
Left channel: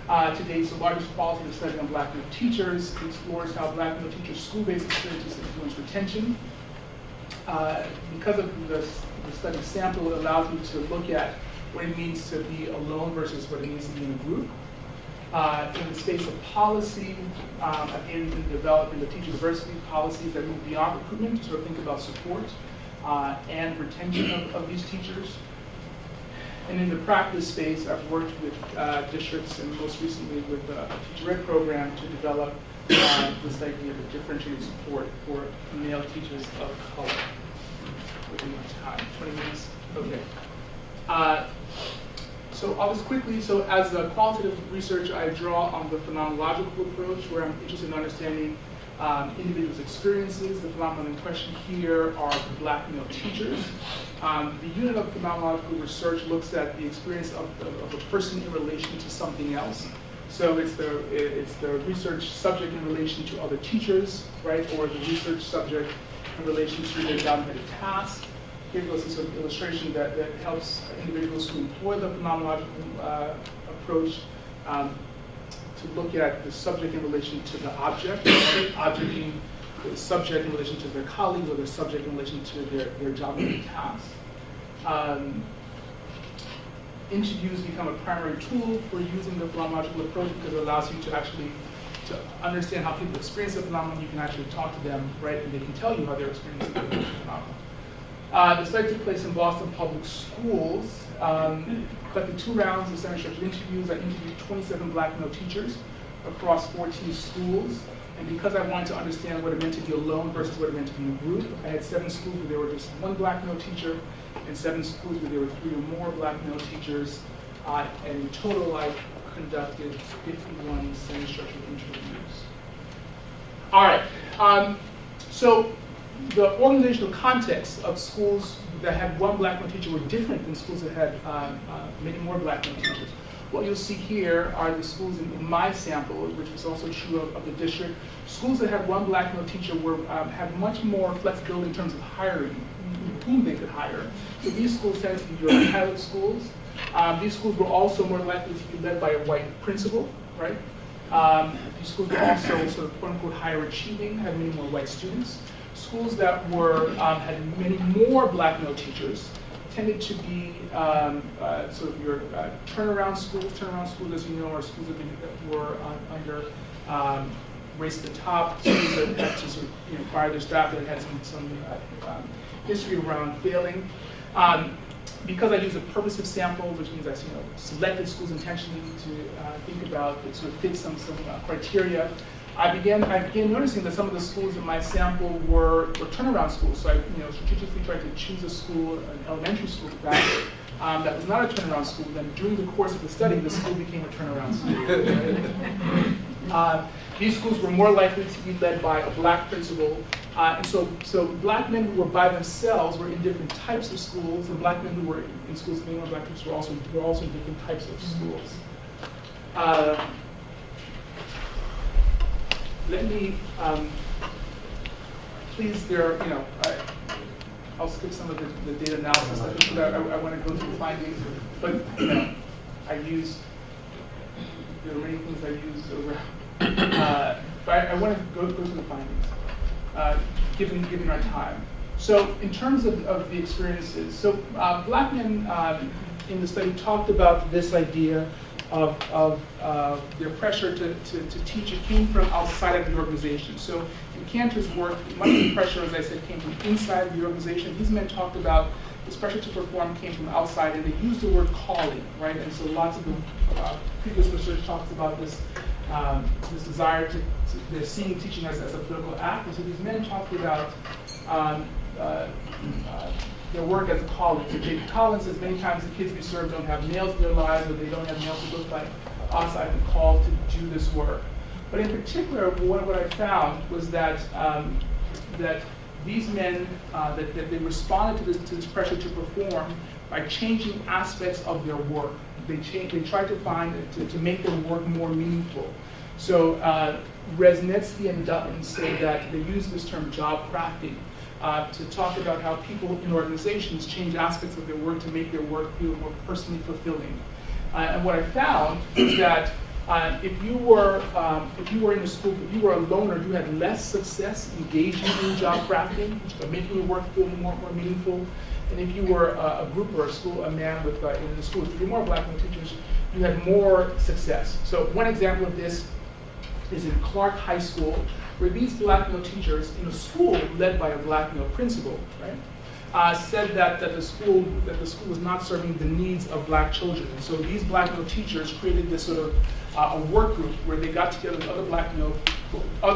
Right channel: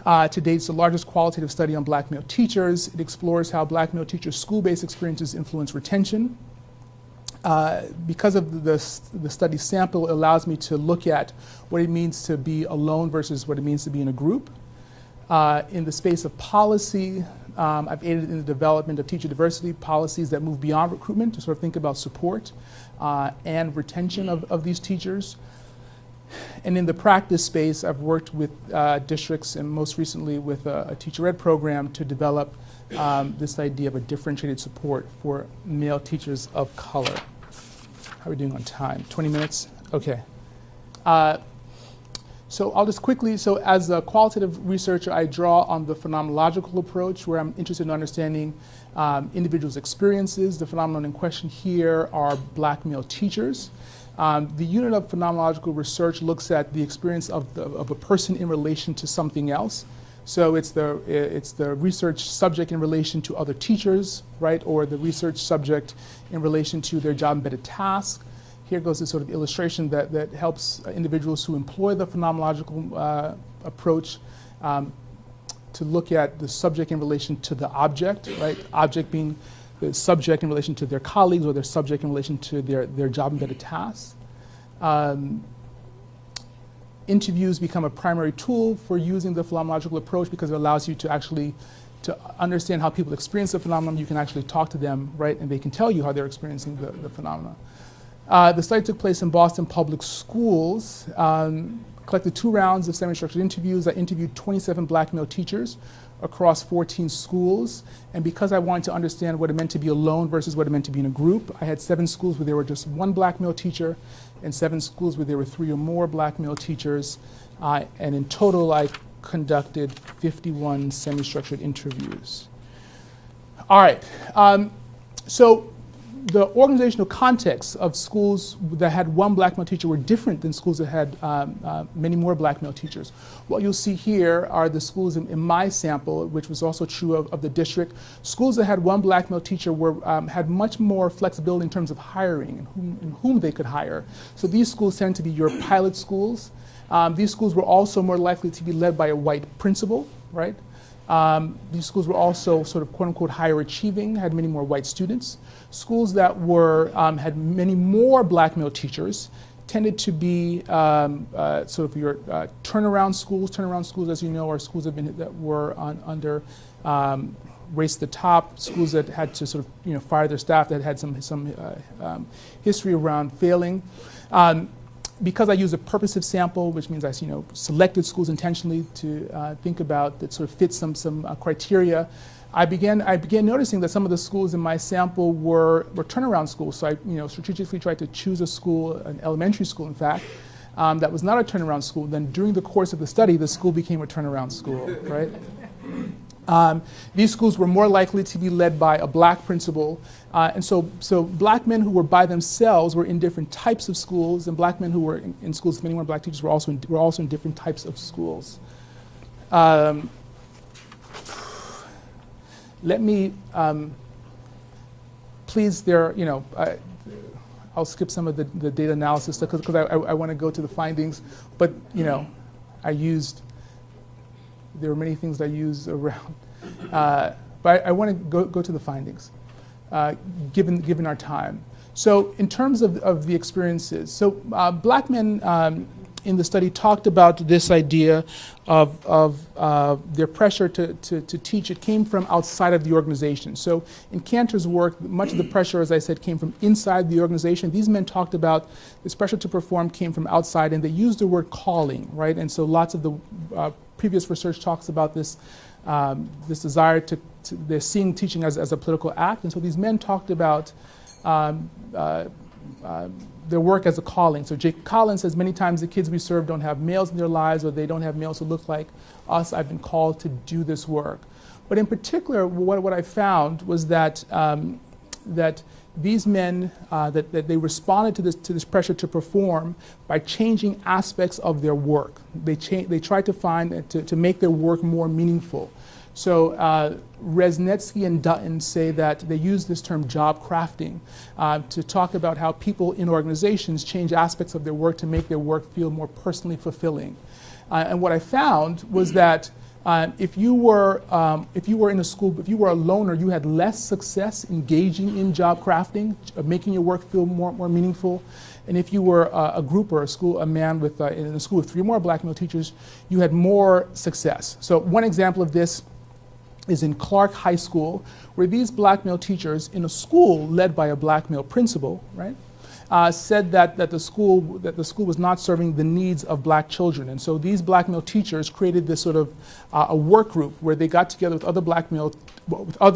To date, it's the largest qualitative study on black male teachers. It explores how black male teachers' school-based experiences influence retention. Because of the study sample, it allows me to look at what it means to be alone versus what it means to be in a group. In the space of policy, I've aided in the development of teacher diversity policies that move beyond recruitment to sort of think about support and retention of these teachers. And in the practice space, I've worked with districts, and most recently with a teacher ed program, to develop this idea of a differentiated support for male teachers of color. How are we doing on time? 20 minutes? Okay. So I'll just quickly, so as a qualitative researcher, I draw on the phenomenological approach, where I'm interested in understanding individuals' experiences. The phenomenon in question here are black male teachers. The unit of phenomenological research looks at the experience of a person in relation to something else. So it's the research subject in relation to other teachers, right, or the research subject in relation to their job embedded task. Here goes this sort of illustration that helps individuals who employ the phenomenological approach to look at the subject in relation to the object, right? Object being the subject in relation to their colleagues, or their subject in relation to their job embedded task. Interviews become a primary tool for using the phenomenological approach because it allows you to actually to understand how people experience the phenomenon. You can actually talk to them, right, and they can tell you how they're experiencing the phenomenon. The study took place in Boston public schools. Collected 2 rounds of semi-structured interviews. I interviewed 27 black male teachers across 14 schools. And because I wanted to understand what it meant to be alone versus what it meant to be in a group, I had 7 schools where there were just 1 black male teacher, and 7 schools where there were 3 or more black male teachers. And in total, I conducted 51 semi-structured interviews. All right. So the organizational context of schools that had 1 black male teacher were different than schools that had many more black male teachers. What you'll see here are the schools in my sample, which was also true of the district. Schools that had 1 black male teacher had much more flexibility in terms of hiring, whom they could hire. So these schools tend to be your pilot schools. These schools were also more likely to be led by a white principal, right? These schools were also sort of quote unquote higher achieving, had many more white students. Schools that had many more black male teachers tended to be sort of your turnaround schools. Turnaround schools, as you know, are schools that were under Race to the Top, schools that had to sort of fire their staff, that had some history around failing. Because I used a purposive sample, which means I selected schools intentionally to think about that sort of fit some criteria, I began noticing that some of the schools in my sample were turnaround schools. So I strategically tried to choose a school, an elementary school in fact, that was not a turnaround school. Then during the course of the study, the school became a turnaround school, right? These schools were more likely to be led by a black principal. And so black men who were by themselves were in different types of schools, and black men who were in schools with many more black teachers were also in different types of schools. Let me, please, I'll skip some of the data analysis stuff because I want to go to the findings, but there were many things I used around, but I want to go to the findings, given our time. So in terms of the experiences, so black men in the study talked about this idea of their pressure to teach. It came from outside of the organization. So in Cantor's work, much of the pressure, as I said, came from inside the organization. These men talked about this pressure to perform came from outside, and they used the word calling, right? And so lots of the previous research talks about this desire they're seeing teaching as a political act. And so these men talked about their work as a calling. So Jake Collins says many times the kids we serve don't have males in their lives, or they don't have males who look like us. I've been called to do this work. But in particular, what I found was that that these men that they responded to this pressure to perform by changing aspects of their work. They tried to find to make their work more meaningful. So Residency and Dutton say that they use this term job crafting to talk about how people in organizations change aspects of their work to make their work feel more personally fulfilling. And what I found was that if you were in a school, if you were a loner, you had less success engaging in job crafting, making your work feel more meaningful. And if you were a group or a man with in a school with 3 more black male teachers, you had more success. So one example of this is in Clark High School, where these black male teachers in a school led by a black male principal, right, said that the school was not serving the needs of black children. And so these black male teachers created this sort of a work group where they got together with other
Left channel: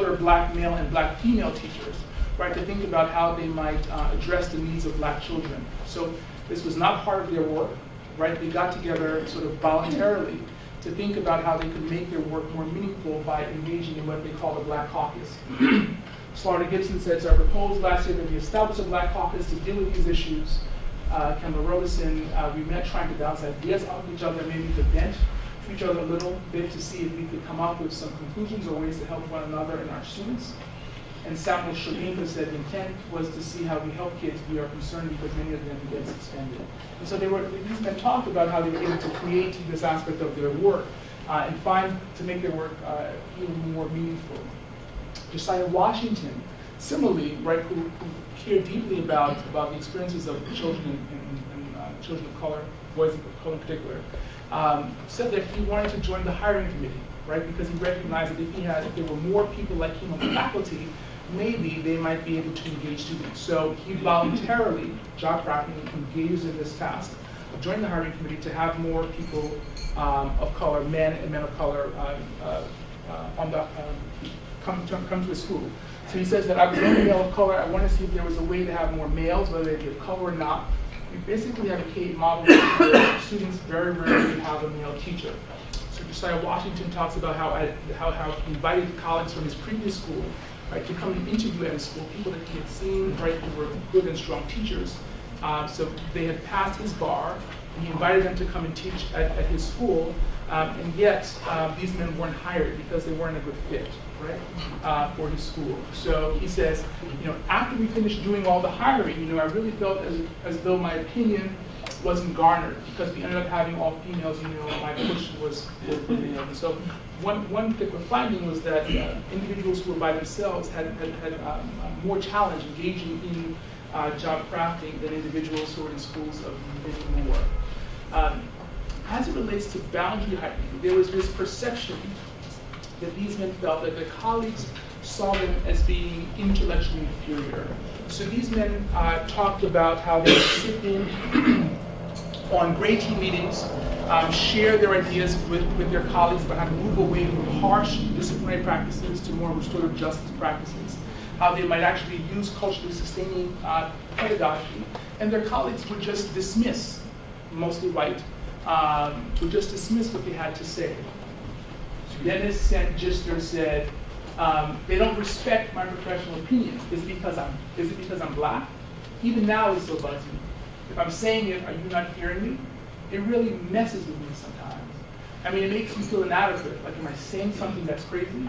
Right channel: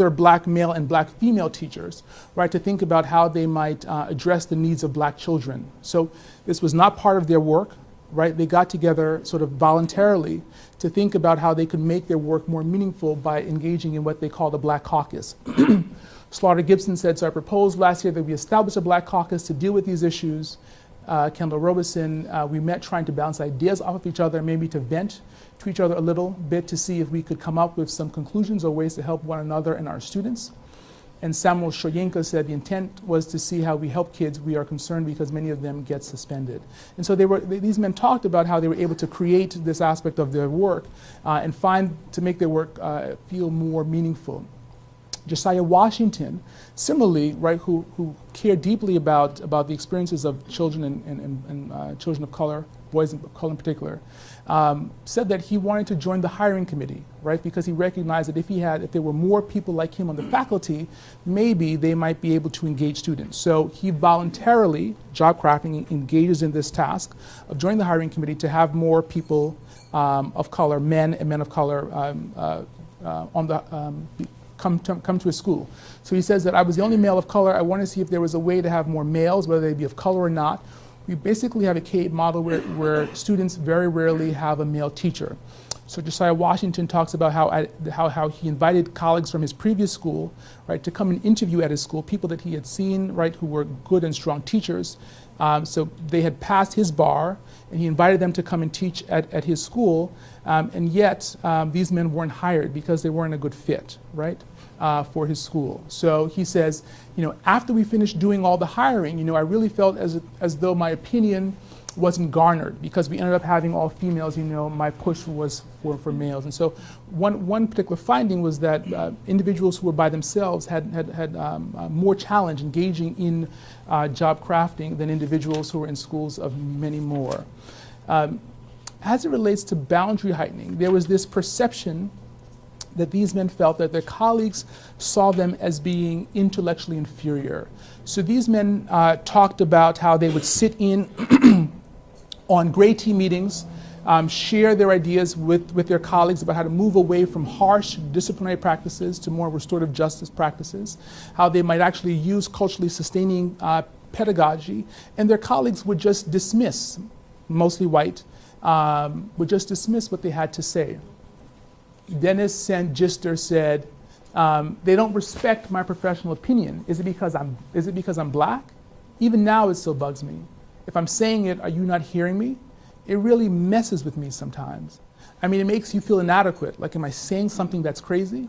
black male and black female teachers, right, to think about how they might address the needs of black children. So this was not part of their work, right? They got together sort of voluntarily to think about how they could make their work more meaningful by engaging in what they call the Black Caucus. Slaughter Gibson said, so I proposed last year that we establish a Black Caucus to deal with these issues. Kendall Robeson, we met trying to bounce ideas off of each other, maybe to vent to each other a little bit to see if we could come up with some conclusions or ways to help one another and our students. And Samuel Shoyinka said the intent was to see how we help kids. We are concerned because many of them get suspended. And so these men talked about how they were able to create this aspect of their work and to make their work feel more meaningful. Josiah Washington, similarly, right, who cared deeply about the experiences of children and children of color, boys of color in particular, said that he wanted to join the hiring committee, right, because he recognized that if there were more people like him on the faculty, maybe they might be able to engage students. So he voluntarily, job crafting, engages in this task of joining the hiring committee to have more people of color, men and men of color, come to his school. So he says that I was the only male of color. I want to see if there was a way to have more males, whether they be of color or not. We basically have a K model where students very rarely have a male teacher. So Josiah Washington talks about how he invited colleagues from his previous school, right, to come and interview at his school, people that he had seen, right, who were good and strong teachers. So they had passed his bar, and he invited them to come and teach at his school, and yet these men weren't hired because they weren't a good fit, right, for his school. So he says, after we finished doing all the hiring, I really felt as though my opinion wasn't garnered because we ended up having all females. My push was for males. And so one particular finding was that individuals who were by themselves had more challenge engaging in job crafting than individuals who were in schools of many more. As it relates to boundary heightening, there was this perception that these men felt that their colleagues saw them as being intellectually inferior. So these men talked about how they would sit in on grade team meetings, share their ideas with their colleagues about how to move away from harsh disciplinary practices to more restorative justice practices, how they might actually use culturally sustaining pedagogy, and their colleagues would just dismiss, mostly white, would just dismiss what they had to say. Dennis Sangister said, they don't respect my professional opinion. Is it because I'm black? Even now it still bugs me. If I'm saying it, are you not hearing me? It really messes with me sometimes. I mean, it makes me feel inadequate. Like, am I saying something that's crazy?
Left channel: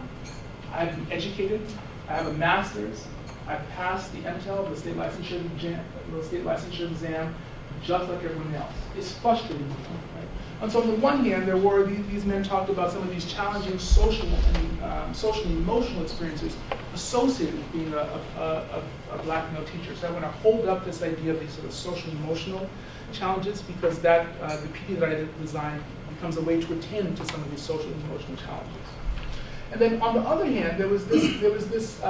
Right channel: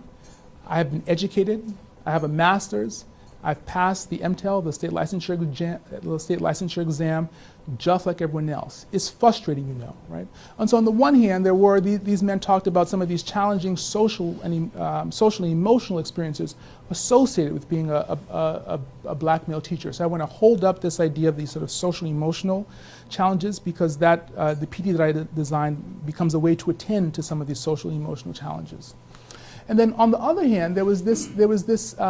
I have been educated. I have a master's. I've passed the MTEL, the state licensure exam, just like everyone else. It's frustrating to know, right? And so on the one hand, there were these men talked about some of these challenging social and emotional experiences associated with being a black male teacher. So I want to hold up this idea of these sort of social emotional challenges, because that the PD that I designed becomes a way to attend to some of these social and emotional challenges. And then on the other hand, there was this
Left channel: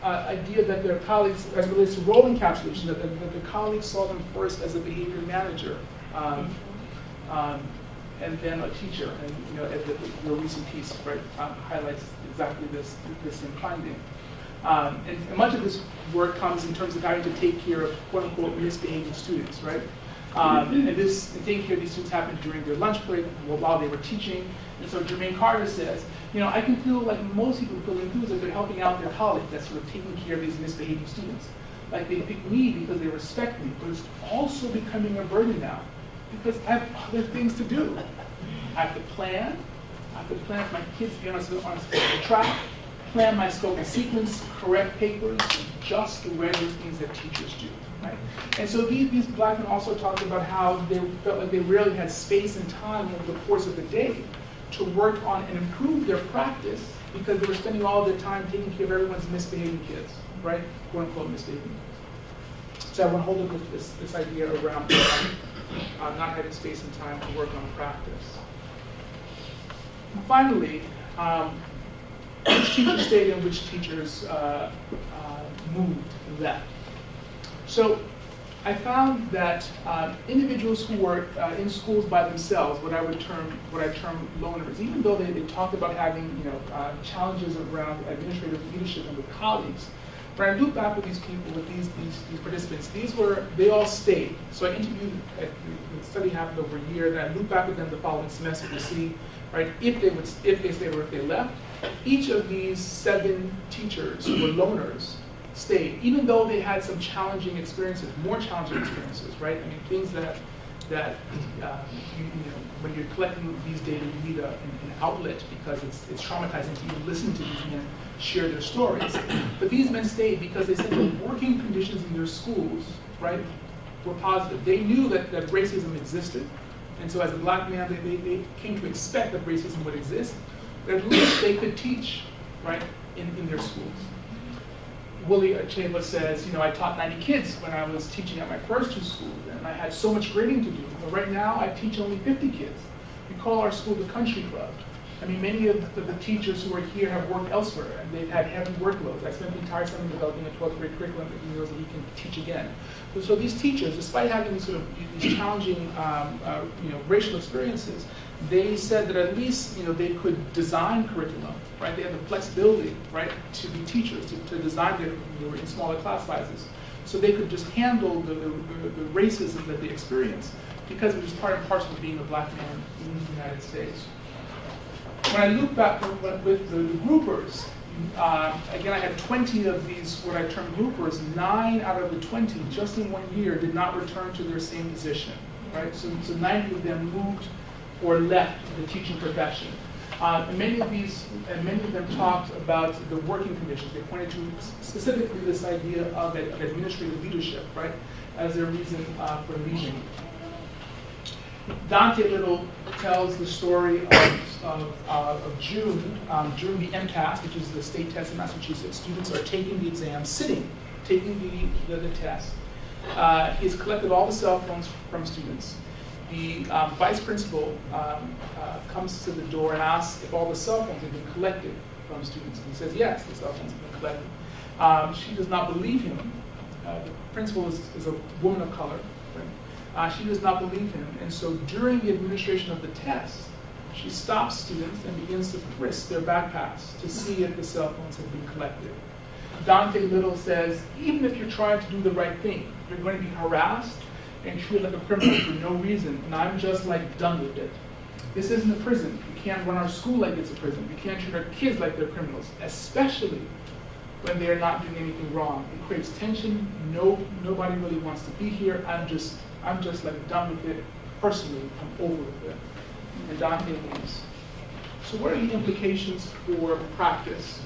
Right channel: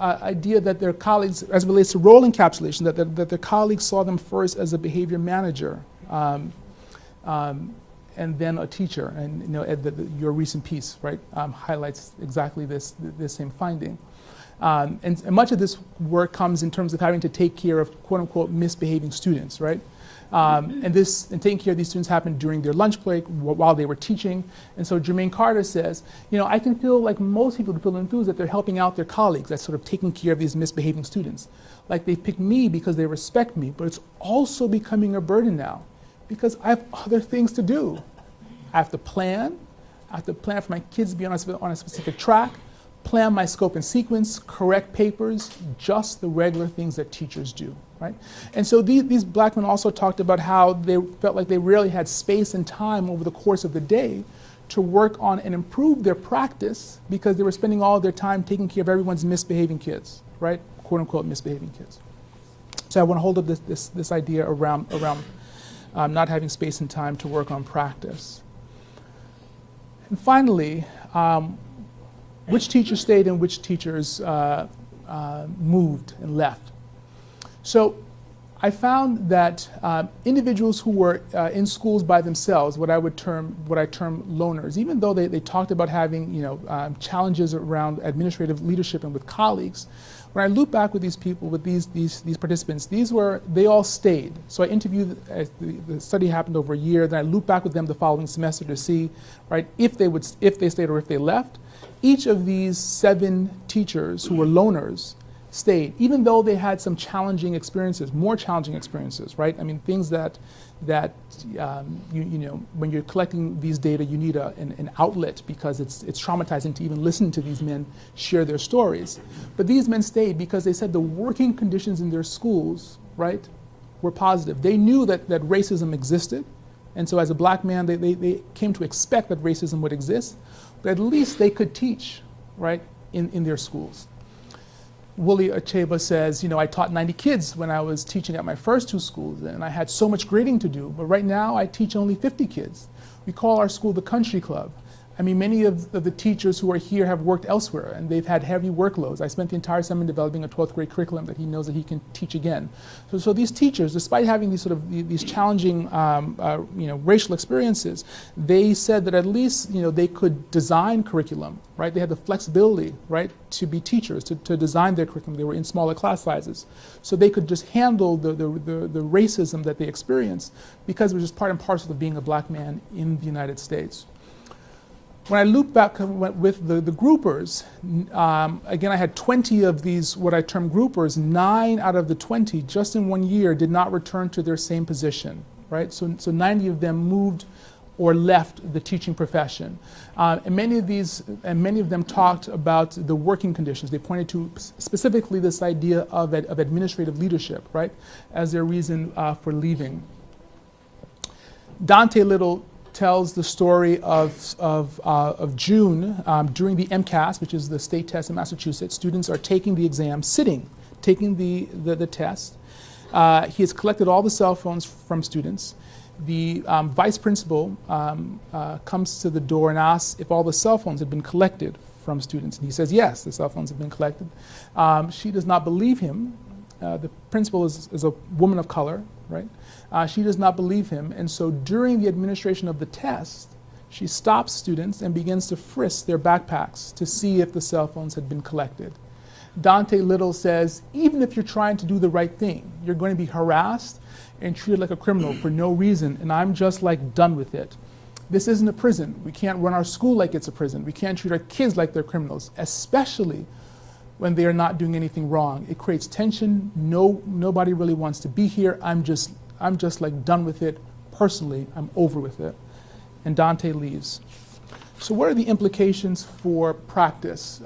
idea that their colleagues, as it relates to role encapsulation, that their colleagues saw them first as a behavior manager, and then a teacher. And your recent piece, right, highlights exactly this same finding. And much of this work comes in terms of having to take care of quote unquote misbehaving students, right? And taking care of these students happened during their lunch break while they were teaching. And so Jermaine Carter says, I can feel like most people feel enthused that they're helping out their colleagues, that's sort of taking care of these misbehaving students. Like they pick me because they respect me, but it's also becoming a burden now because I have other things to do. I have to plan for my kids to be on a specific track, plan my scope and sequence, correct papers, just the regular things that teachers do. Right? And so these black men also talked about how they felt like they rarely had space and time over the course of the day to work on and improve their practice because they were spending all of their time taking care of everyone's misbehaving kids, right? Quote unquote misbehaving kids. So I want to hold up this idea around not having space and time to work on practice. And finally, which teachers stayed and which teachers moved and left. So I found that individuals who were in schools by themselves, what I term loners, even though they talked about having challenges around administrative leadership and with colleagues, when I look back with these people, with these participants, they all stayed. So I interviewed, the study happened over a year, then I looped back with them the following semester to see, right, if they stayed or if they left. Each of these 7 teachers who were loners stayed, even though they had some challenging experiences, more challenging experiences, right? I mean, things that when you're collecting these data, you need an outlet because it's traumatizing to even listen to these men share their stories. But these men stayed because they said the working conditions in their schools, right, were positive. They knew that racism existed, and so as a black man, they came to expect that racism would exist, but at least they could teach, right, in their schools. Willie Acheba says, I taught 90 kids when I was teaching at my first 2 schools, and I had so much grading to do. But right now, I teach only 50 kids. We call our school the Country Club. I mean, many of the teachers who are here have worked elsewhere, and they've had heavy workloads. I spent the entire summer developing a 12th grade curriculum that he knows that he can teach again. So these teachers, despite having these challenging racial experiences, they said that at least they could design curriculum, right? They had the flexibility, right, to be teachers, to design their curriculum. They were in smaller class sizes, so they could just handle the racism that they experienced because it was just part and parcel of being a black man in the United States. When I look back with the groupers, again, I had 20 of these, what I term groupers. 9 out of the 20, just in 1 year, did not return to their same position, right? So 90 of them moved or left the teaching profession. And many of them talked about the working conditions. They pointed to specifically this idea of administrative leadership, right, as their reason for leaving. Dante Little tells the story of June during the MCAS, which is the state test in Massachusetts. Students are taking the exam, sitting, taking the test. He has collected all the cell phones from students. The vice principal comes to the door and asks if all the cell phones have been collected from students. And he says, yes, the cell phones have been collected. She does not believe him. The principal is a woman of color, right? She does not believe him, and so during the administration of the test, she stops students and begins to frisk their backpacks to see if the cell phones have been collected. Dante Little says, even if you're trying to do the right thing, you're going to be harassed and treated like a criminal for no reason, and I'm just like done with it. This isn't a prison. We can't run our school like it's a prison. We can't treat our kids like they're criminals, especially when they are not doing anything wrong. It creates tension. Nobody really wants to be here. I'm just like done with it. Personally, I'm over with it. And Dante leaves. So what are the implications for practice?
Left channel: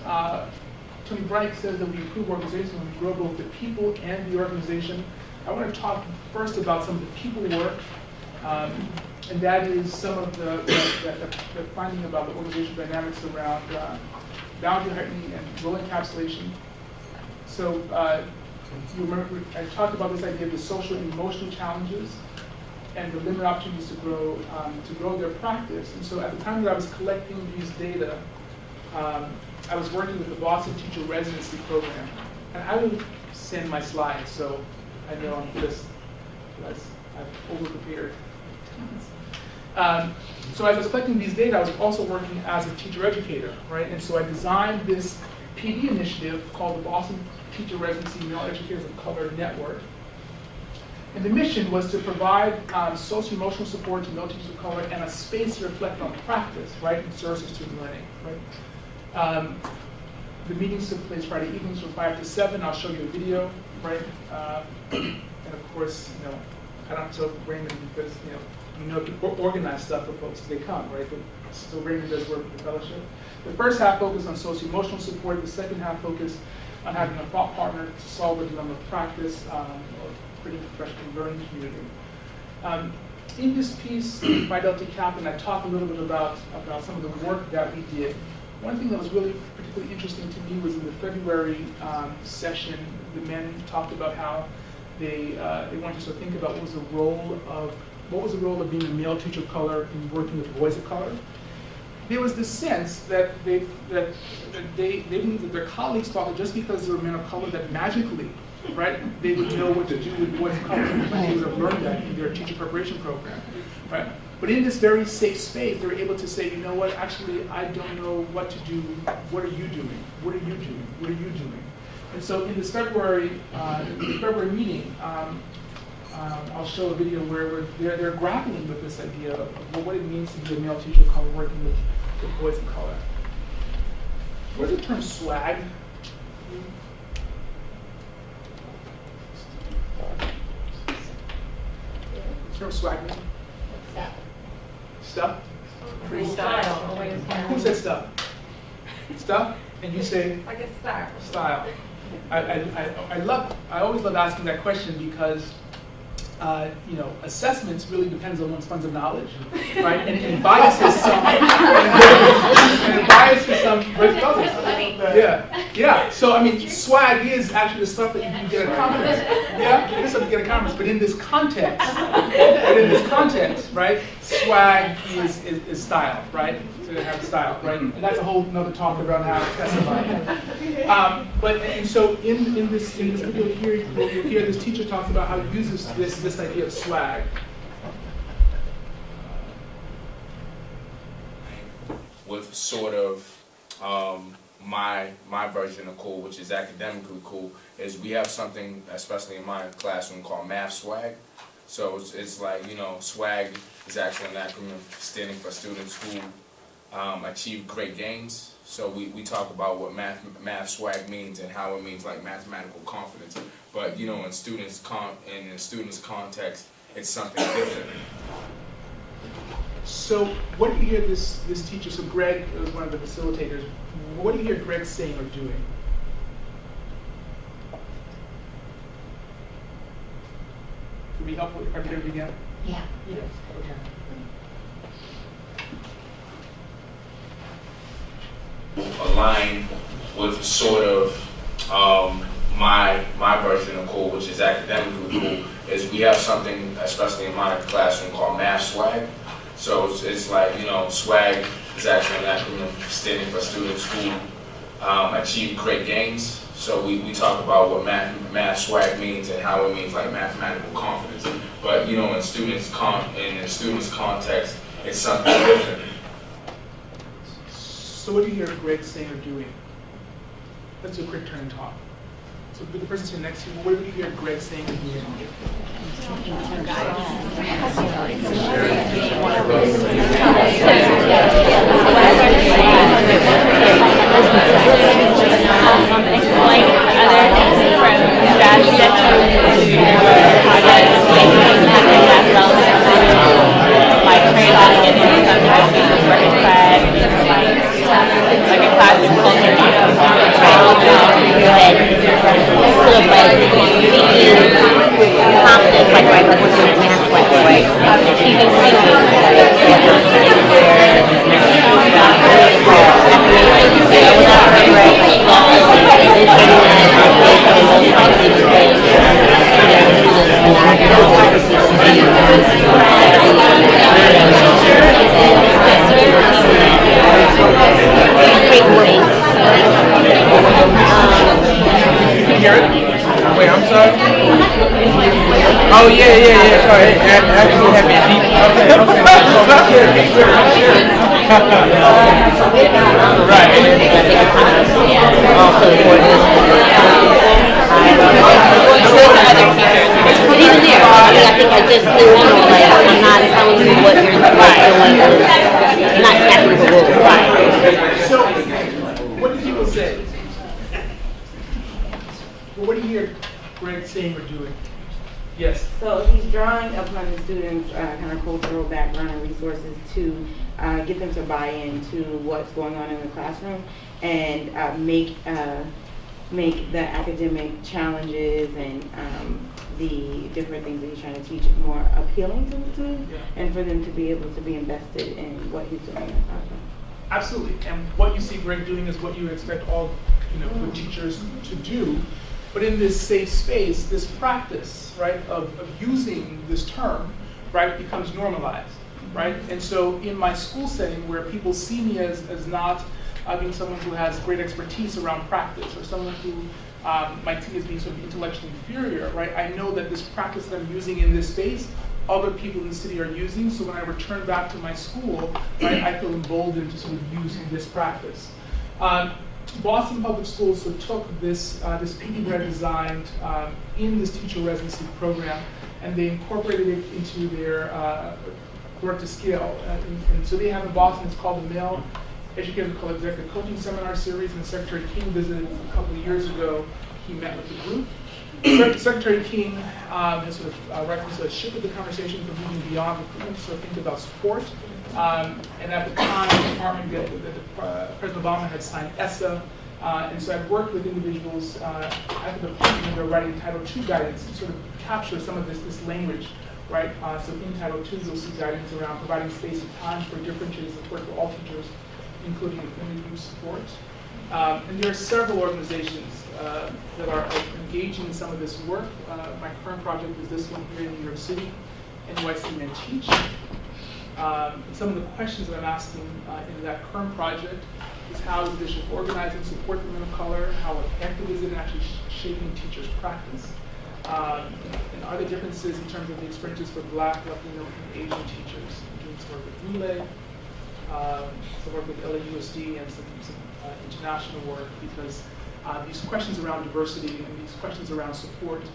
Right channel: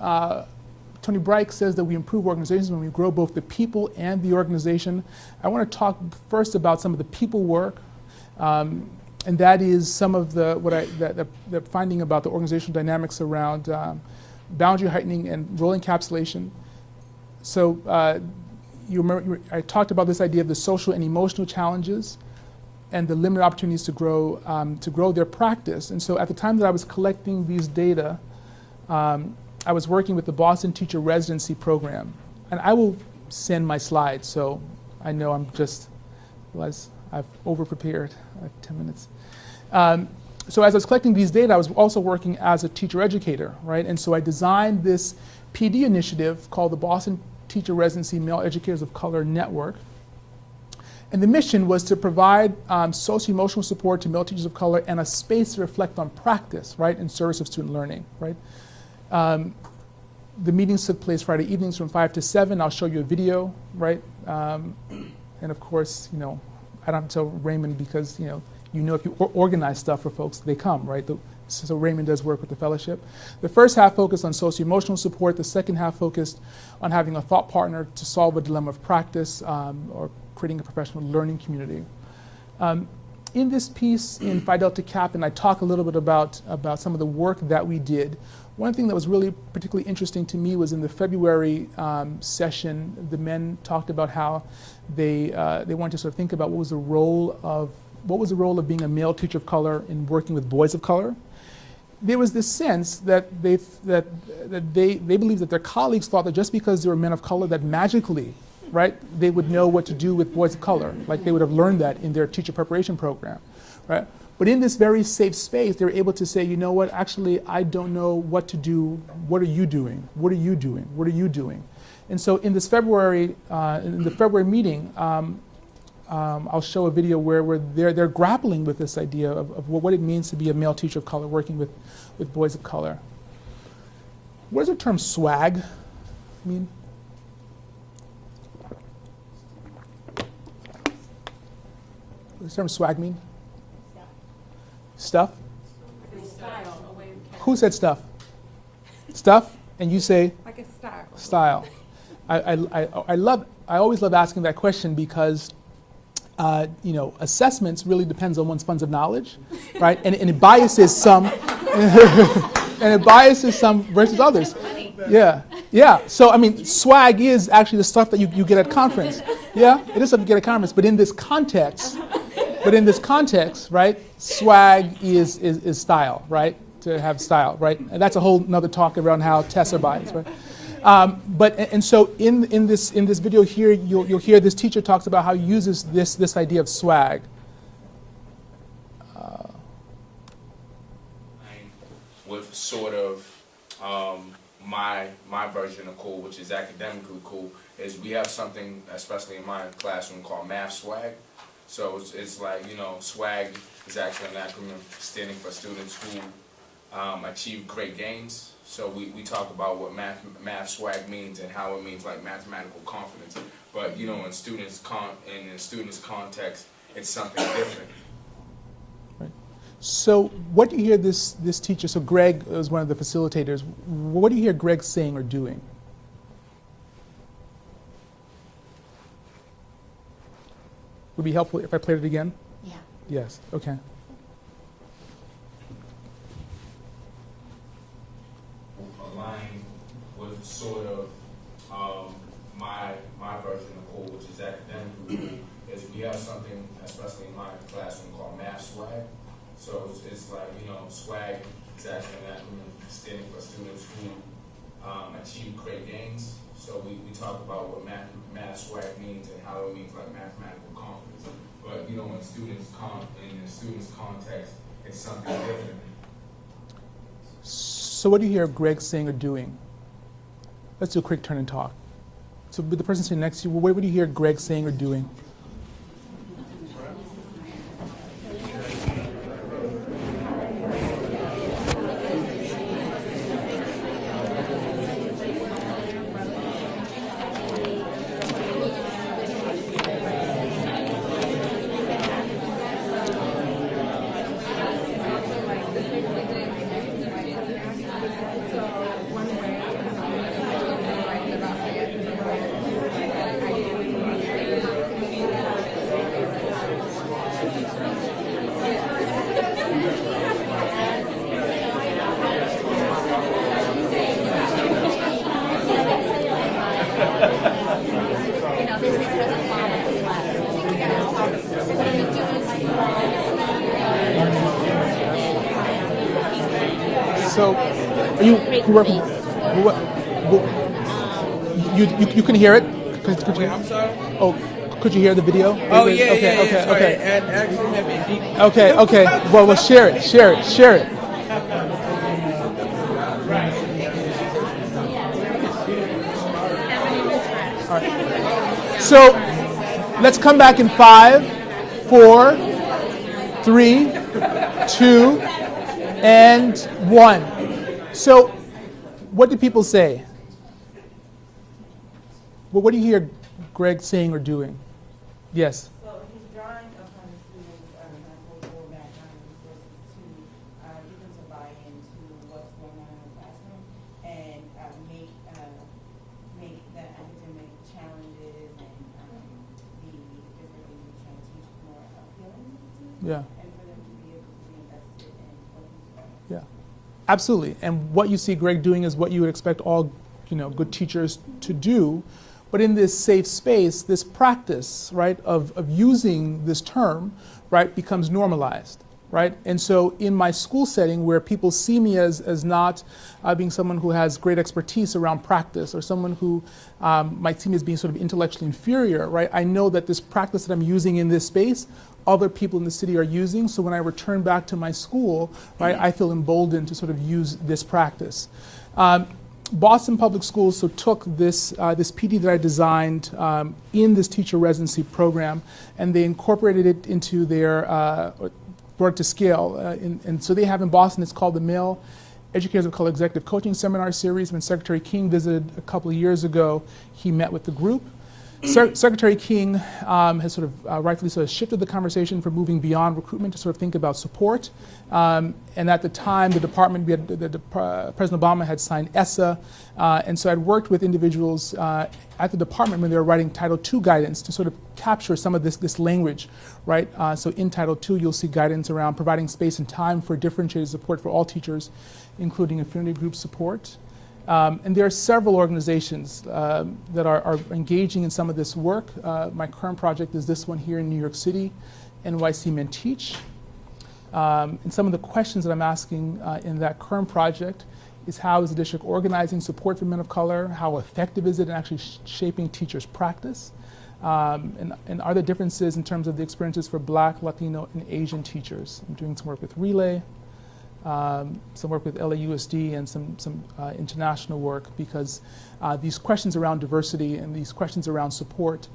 Tony Bright says that we improve organizations when we grow both the people and the organization. I want to talk first about some of the people work, and that is some of the finding about the organizational dynamics around boundary heightening and role encapsulation. So you remember I talked about this idea of the social and emotional challenges and the limited opportunities to grow their practice. And so at the time that I was collecting these data, I was working with the Boston Teacher Residency Program. And I will send my slides, so I know I've over-prepared, 10 minutes. So as I was collecting these data, I was also working as a teacher educator, right? And so I designed this PD initiative called the Boston Teacher Residency Male Educators of Color Network. And the mission was to provide socio-emotional support to male teachers of color and a space to reflect on practice, right, in service of student learning, right? The meetings took place Friday evenings from 5 to 7. I'll show you a video, right? And of course, I don't tell Raymond because, if people organize stuff for folks, they come, right? So Raymond does work with the fellowship. The first half focused on socio-emotional support. The second half focused on having a thought partner to solve a dilemma of practice or creating a professional learning community. In this piece, in Phi Delta Kaplan, I talk a little bit about some of the work that we did. One thing that was really particularly interesting to me was in the February session, the men talked about how they wanted to sort of think about what was the role of being a male teacher of color in working with boys of color. There was this sense that they believed that their colleagues thought that just because they were men of color that magically, right, they would know what to do with boys of color, like they would have learned that in their teacher preparation program, right? But in this very safe space, they're able to say, you know what, actually, I don't know what to do. What are you doing? What are you doing? What are you doing? And so in this February, in the February meeting, I'll show a video where they're grappling with this idea of what it means to be a male teacher of color working with boys of color. What does the term swag mean? What does the term swag mean? Stuff? Who said stuff? Stuff? And you say? Like a style. Style. I always love asking that question because assessments really depends on one's funds of knowledge, right? And it biases some, and it biases some versus others. Yeah. So I mean, swag is actually the stuff that you get at a conference. Yeah, it is something you get at a conference. But in this context, right? Swag is style, right? To have style, right? And that's a whole another talk around how Tessa bias, right? So in this video here, you'll hear this teacher talks about how he uses this idea of swag. With sort of my version of cool, which is academically cool, is we have something, especially in my classroom, called math swag. So it's like, swag is actually an acronym standing for students who achieve great gains. So we talk about what math swag means and how it means like mathematical confidence. But in students' context, it's something different. So what do you hear this teacher? So Greg is one of the facilitators. What do you hear Greg saying or doing? Would it be helpful if I played it again? Yeah. Yes. Okay. Align with sort of my version of cool, which is academically cool, is we have something, especially in my classroom, called math swag. So it's like, swag is actually an acronym standing for students who achieve great gains. So we talk about what math swag means and how it means like mathematical confidence. But in students' context, it's something different. So what do you hear Greg saying or doing? Let's do a quick turn and talk. So with the person sitting next to you, what do you hear Greg saying or doing? Explain other from strategy that you use projects, like trade-off and something that we can work in class, like a classroom culture, trade-off, conflict, like right, like what's your math, like right, achieving You can hear it? Wait, I'm sorry? Oh, yeah, sorry. Actually, have it deep. Okay, so let's share it. Right. So, let's come back in 5, 4, 3, 2, 1. So, what do people say? Well, what do you hear Greg saying or doing? Yes. So he's drawing upon the students' kind of cultural background and resources to get them to buy into what's going on in the classroom and make the academic challenges and the different things that he's trying to teach more appealing to the students, and for them to be able to be invested in what he's doing in the classroom. Absolutely. And what you see Greg doing is what you would expect all good teachers to do. But in this safe space, this practice, right, of using this term, right, becomes normalized, right? And so in my school setting where people see me as not being someone who has great expertise around practice or someone who might see me as being sort of intellectually inferior, right? I know that this practice that I'm using in this space, other people in the city are using. So when I return back to my school, right, I feel emboldened to sort of use this practice. Boston Public Schools took this PD that I designed in this teacher residency program, and they incorporated it into their work to scale. And so they have in Boston, it's called the Male Educators of Color Executive Coaching Seminar Series. When Secretary King visited a couple of years ago, he met with the group. Secretary King has sort of rightfully sort of shifted the conversation from moving beyond recruitment to sort of think about support. And at the time, the department, President Obama had signed ESSA, and so I'd worked with individuals at the department when they were writing Title II guidance to sort of capture some of this language, right? So in Title II, you'll see guidance around providing space and time for differentiated support for all teachers, including affinity group support. And there are several organizations that are engaging in some of this work. My current project is this one here in New York City, NYC Men Teach. And some of the questions that I'm asking in that current project is how is the district organizing support for men of color? How effective is it in actually shaping teachers' practice? And are there differences in terms of the experiences for Black, Latino, and Asian teachers? I'm doing some work with Relay, some work with LAUSD, and some international work, because these questions around diversity and these questions around support,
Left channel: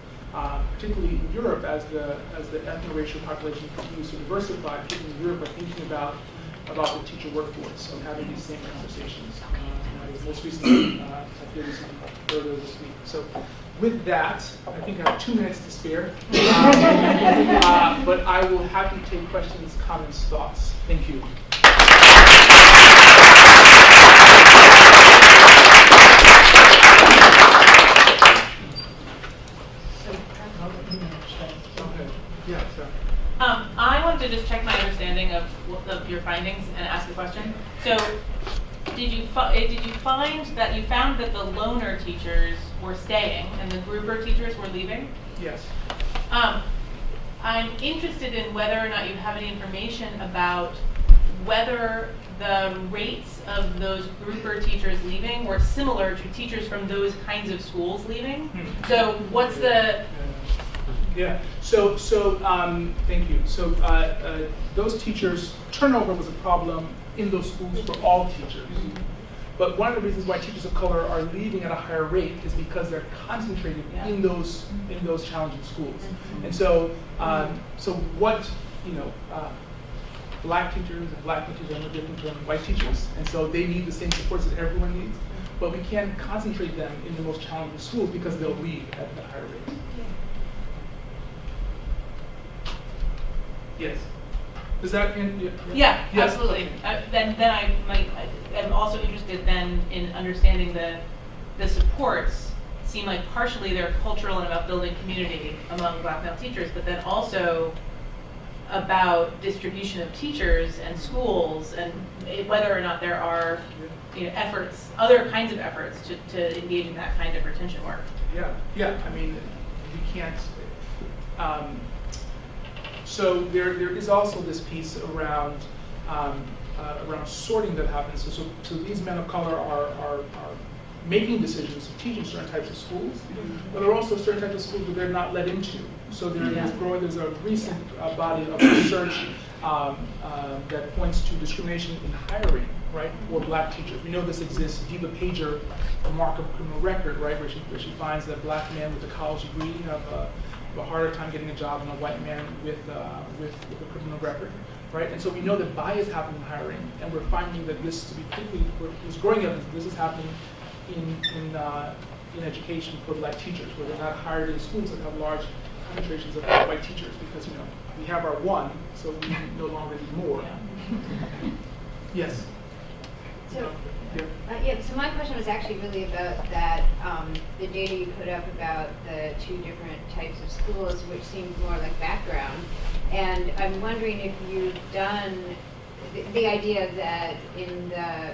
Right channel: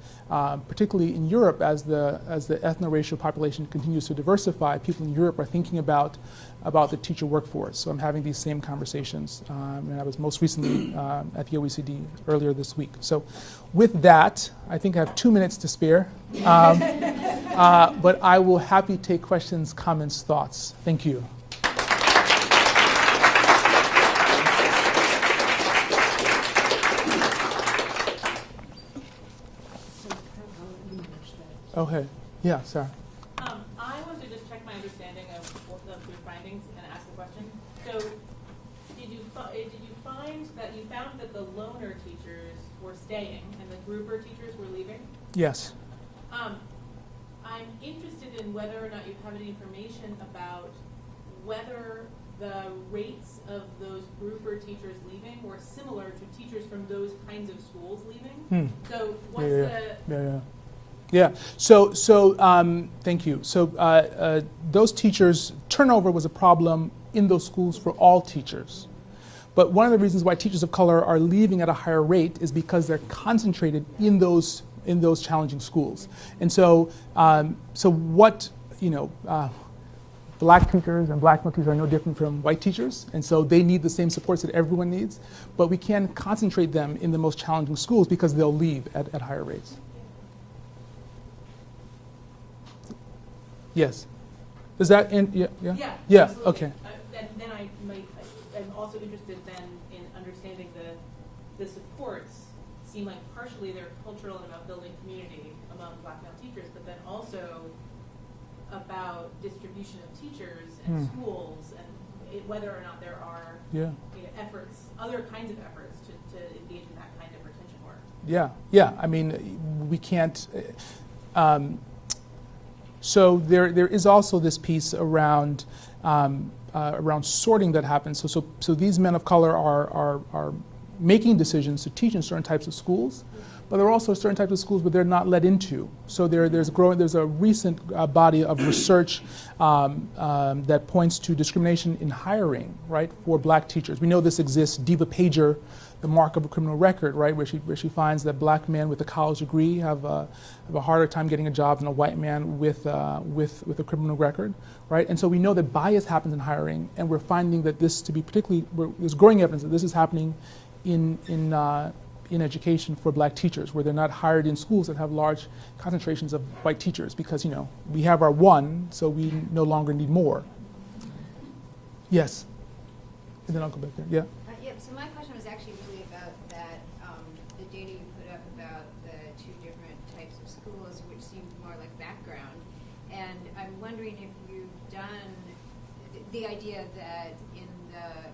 particularly in Europe, as the ethno-racial population continues to diversify, people in Europe are thinking about the teacher workforce. So I'm having these same conversations. I was most recently at the OECD earlier this week. So with that, I think I have 2 minutes to spare, but I will happily take questions, comments, thoughts. Thank you. Okay. Yeah, Sarah. I wanted to just check my understanding of your findings and ask a question. So, did you find that the loner teachers were staying and the grouper teachers were leaving? Yes. I'm interested in whether or not you have any information about whether the rates of those grouper teachers leaving were similar to teachers from those kinds of schools leaving. So, what's Yeah. So thank you. So those teachers, turnover was a problem in those schools for all teachers. But one of the reasons why teachers of color are leaving at a higher rate is because they're concentrated in those challenging schools. And so what black teachers and black male teachers are no different from white teachers, and so they need the same supports that everyone needs. But we can't concentrate them in the most challenging schools because they'll leave at higher rates. Yes. Is that in? Yeah, Yes. absolutely. Okay. Then I'm also interested then in understanding the supports seem like partially they're cultural and about building community among black male teachers, but then also about distribution of teachers and schools and whether or not there are efforts, other kinds of efforts to engage in that kind of retention work. Yeah. I mean, we can't. So there is also this piece around sorting that happens. So these men of color are making decisions to teach in certain types of schools, but there are also certain types of schools that they're not let into. So there's a recent body of research that points to discrimination in hiring, right, for black teachers. We know this exists. Diva Pager, the mark of a criminal record, right, where she finds that black men with a college degree have a harder time getting a job than a white man with a criminal record, right? And so we know that bias happens in hiring, and we're finding that this to be particularly, there's growing evidence that this is happening in education for black teachers, where they're not hired in schools that have large concentrations of white teachers, because we have our one, so we no longer need more. Yes. So my question was actually really about that, the data you put up about the two different types of schools, which seemed more like background. And I'm wondering if you've done the idea that in the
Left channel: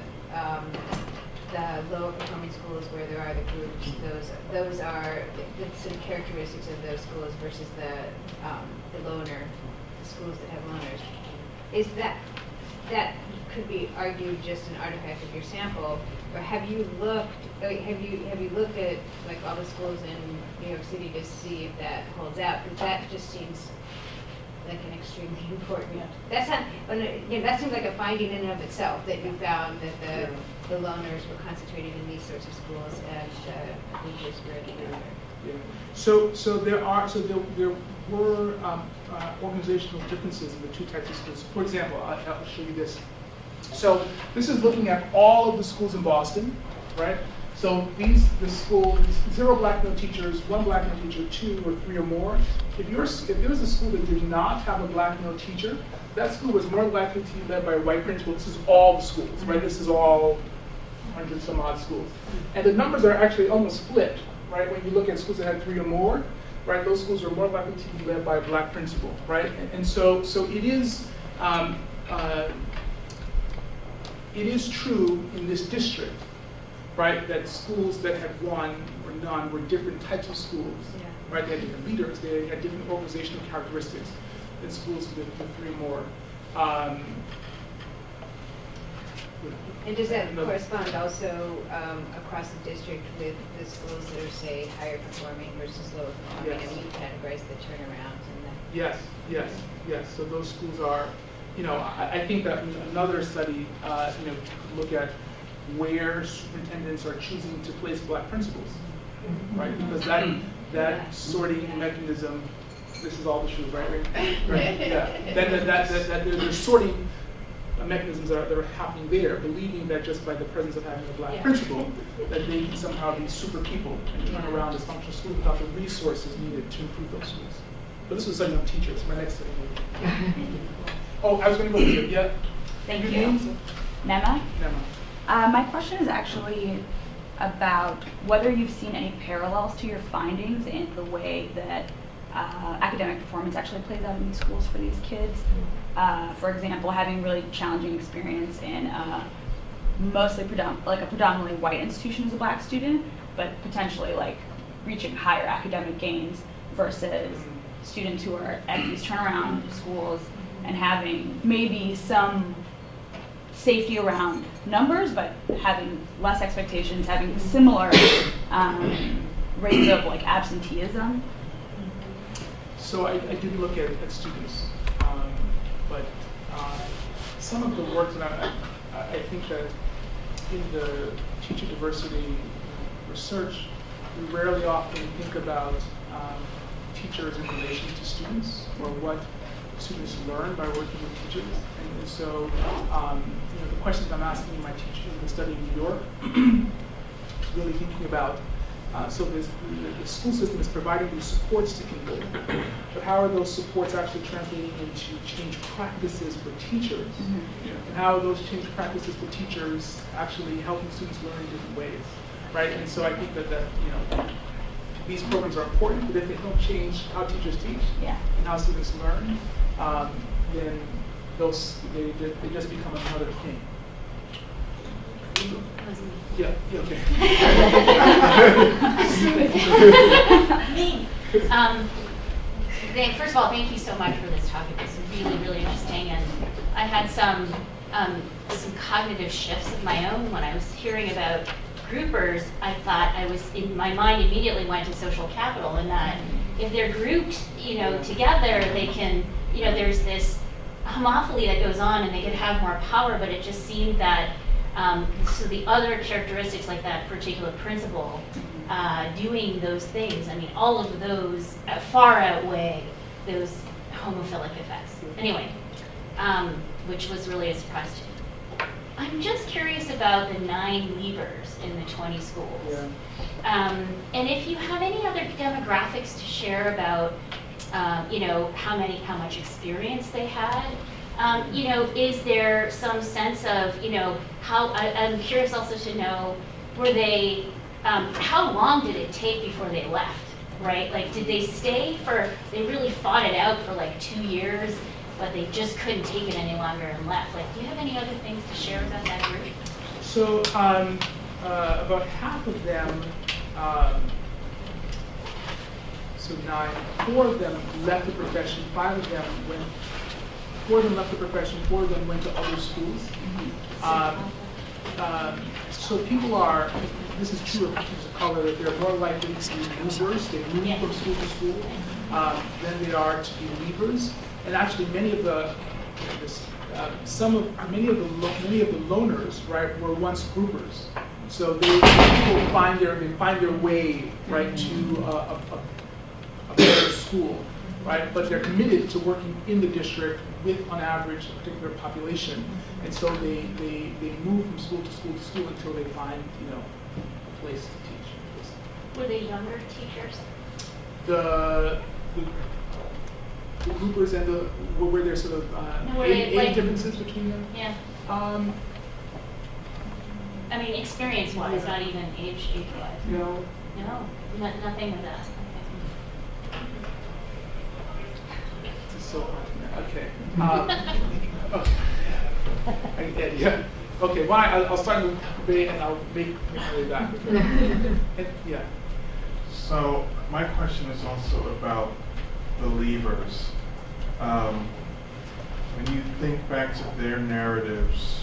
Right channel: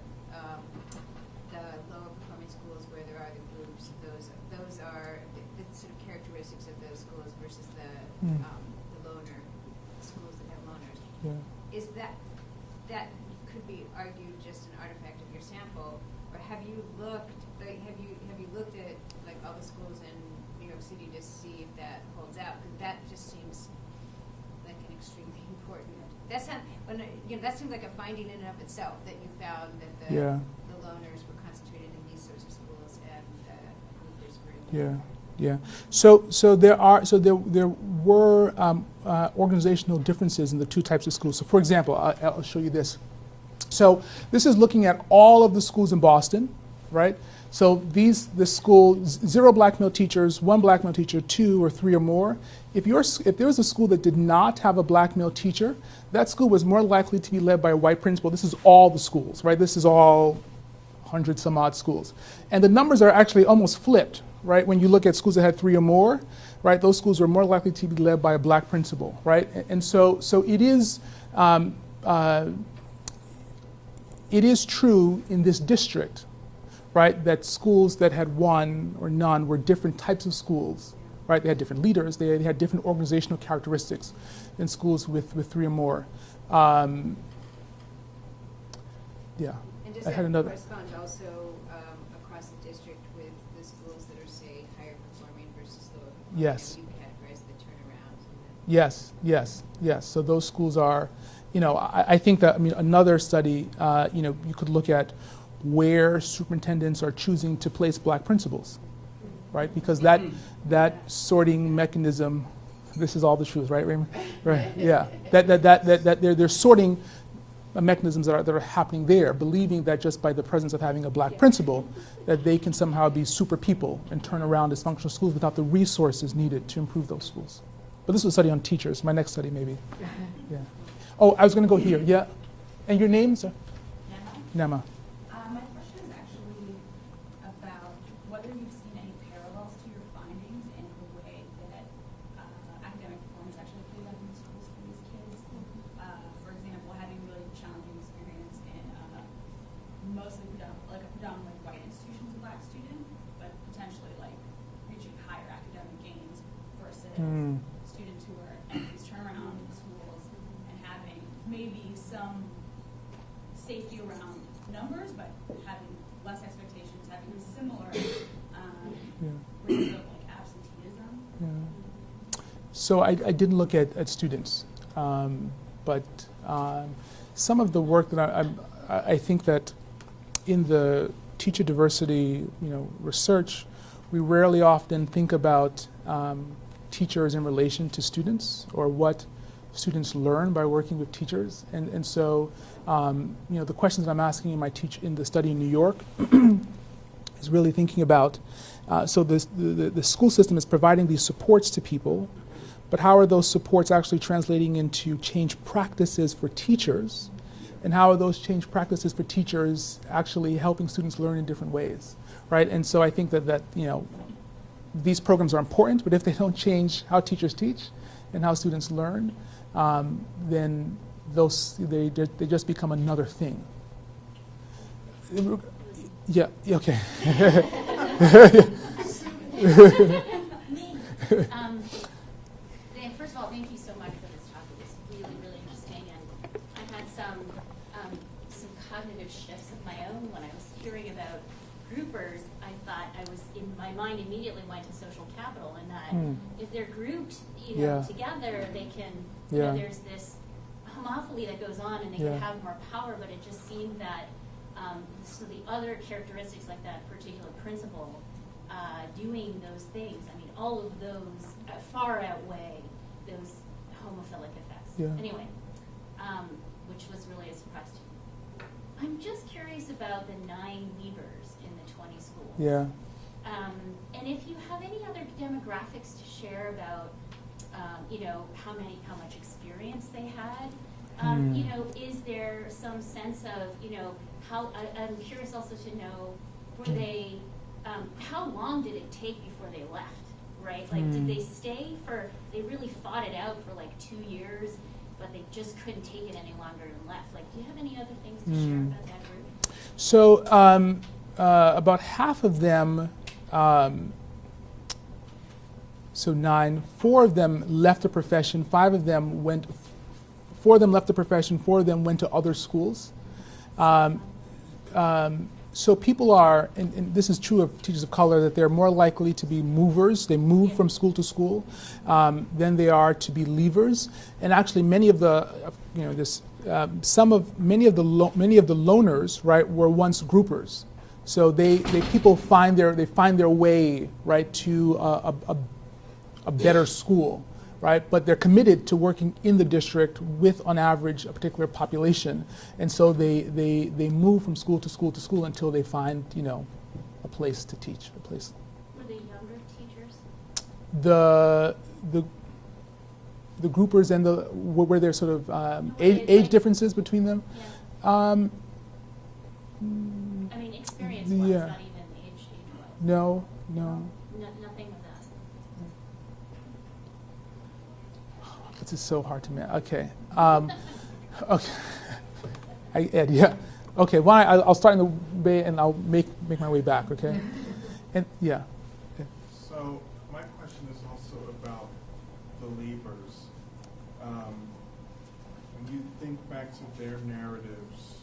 lower performing schools where there are the groups, those are the sort of characteristics of those schools versus the loner schools that have loners. Is that could be argued just an artifact of your sample, or have you looked at like all the schools in New York City to see if that holds out? Because that just seems like an extremely important. That's not. That seems like a finding in and of itself, that you found that the loners were concentrated in these sorts of schools and the groupers were the other. Yeah. So there were organizational differences in the two types of schools. So for example, I'll show you this. So this is looking at all of the schools in Boston, right? So the school, 0 black male teachers, 1 black male teacher, 2 or 3 or more. If there was a school that did not have a black male teacher, that school was more likely to be led by a white principal. This is all the schools, right? This is all 100 some odd schools. And the numbers are actually almost flipped, right? When you look at schools that had 3 or more, right? Those schools were more likely to be led by a black principal, right? And so it is true in this district, right, that schools that had 1 or none were different types of schools, right? They had different leaders, they had different organizational characteristics than schools with 3 or more. And does that correspond also across the district with the schools that are, say, higher performing versus lower performing? Yes. And we categorize the turnarounds and the... Yes. So those schools are, I think that another study, you could look at where superintendents are choosing to place black principals, right? Because that sorting mechanism, this is all the truth, right? Right. Yeah. That they're sorting mechanisms that are happening there, believing that just by the presence of having a black principal, that they can somehow be super people and turn around dysfunctional schools without the resources needed to improve those schools. But this was a study on teachers. My next study, maybe. Yeah. Oh, I was going to go here. Yeah. And your name? Nema. Nema. My question is actually about whether you've seen any parallels to your findings in the way that academic performance actually plays out in these schools for these kids. For example, having really challenging experience in mostly a predominantly white institution as a black student, but potentially like reaching higher academic gains versus students who are at these turnaround schools and having maybe some safety around numbers, but having less expectations, having similar rates of like absenteeism. So I didn't look at students, but some of the work that I think that in the teacher diversity research, we rarely often think about teachers in relation to students, or what students learn by working with teachers. And so, the questions I'm asking in in the study in New York is really thinking about, so the school system is providing these supports to people, but how are those supports actually translating into change practices for teachers? And how are those change practices for teachers actually helping students learn in different ways, right? And so I think that these programs are important, but if they don't change how teachers teach and how students learn, then they just become another thing. Yeah. Okay. First of all, thank you so much for this talk. It was really, really interesting, and I had some cognitive shifts of my own when I was hearing about groupers. I thought in my mind immediately went to social capital, and that if they're grouped, together, they can, there's this homophily that goes on, and they can have more power. But it just seemed that so the other characteristics, like that particular principle, doing those things, I mean, all of those far outweigh those homophilic effects. Anyway, which was really a surprise to me. I'm just curious about the 9 leavers in the 20 schools. And if you have any other demographics to share about, how much experience they had. Is there some sense of, how, I'm curious also to know, were they, how long did it take before they left, right? Like, did they stay they really fought it out for like 2 years, but they just couldn't take it any longer and left? Like, do you have any other things to share about that group? So, about half of them, so 9, 4 of them left the profession, 4 of them left the profession, 4 of them went to other schools. So people are, and this is true of teachers of color, that they're more likely to be movers. They move from school to school than they are to be leavers. And actually, many of the, many of the loners, right, were once groupers. So people find their way, right, to a better school, right? But they're committed to working in the district with, on average, a particular population, and so they move from school to school to school until they find, a place to teach. Were they younger teachers? The groupers and were there sort of age differences between them? Yeah. I mean, experience-wise, not even age-wise. No. Nothing with that. This is so hard to know. Okay. Okay. Okay. Why? I'll start in the way and I'll make my way back. Okay. And, So my question is also about the leavers. When you think back to their narratives,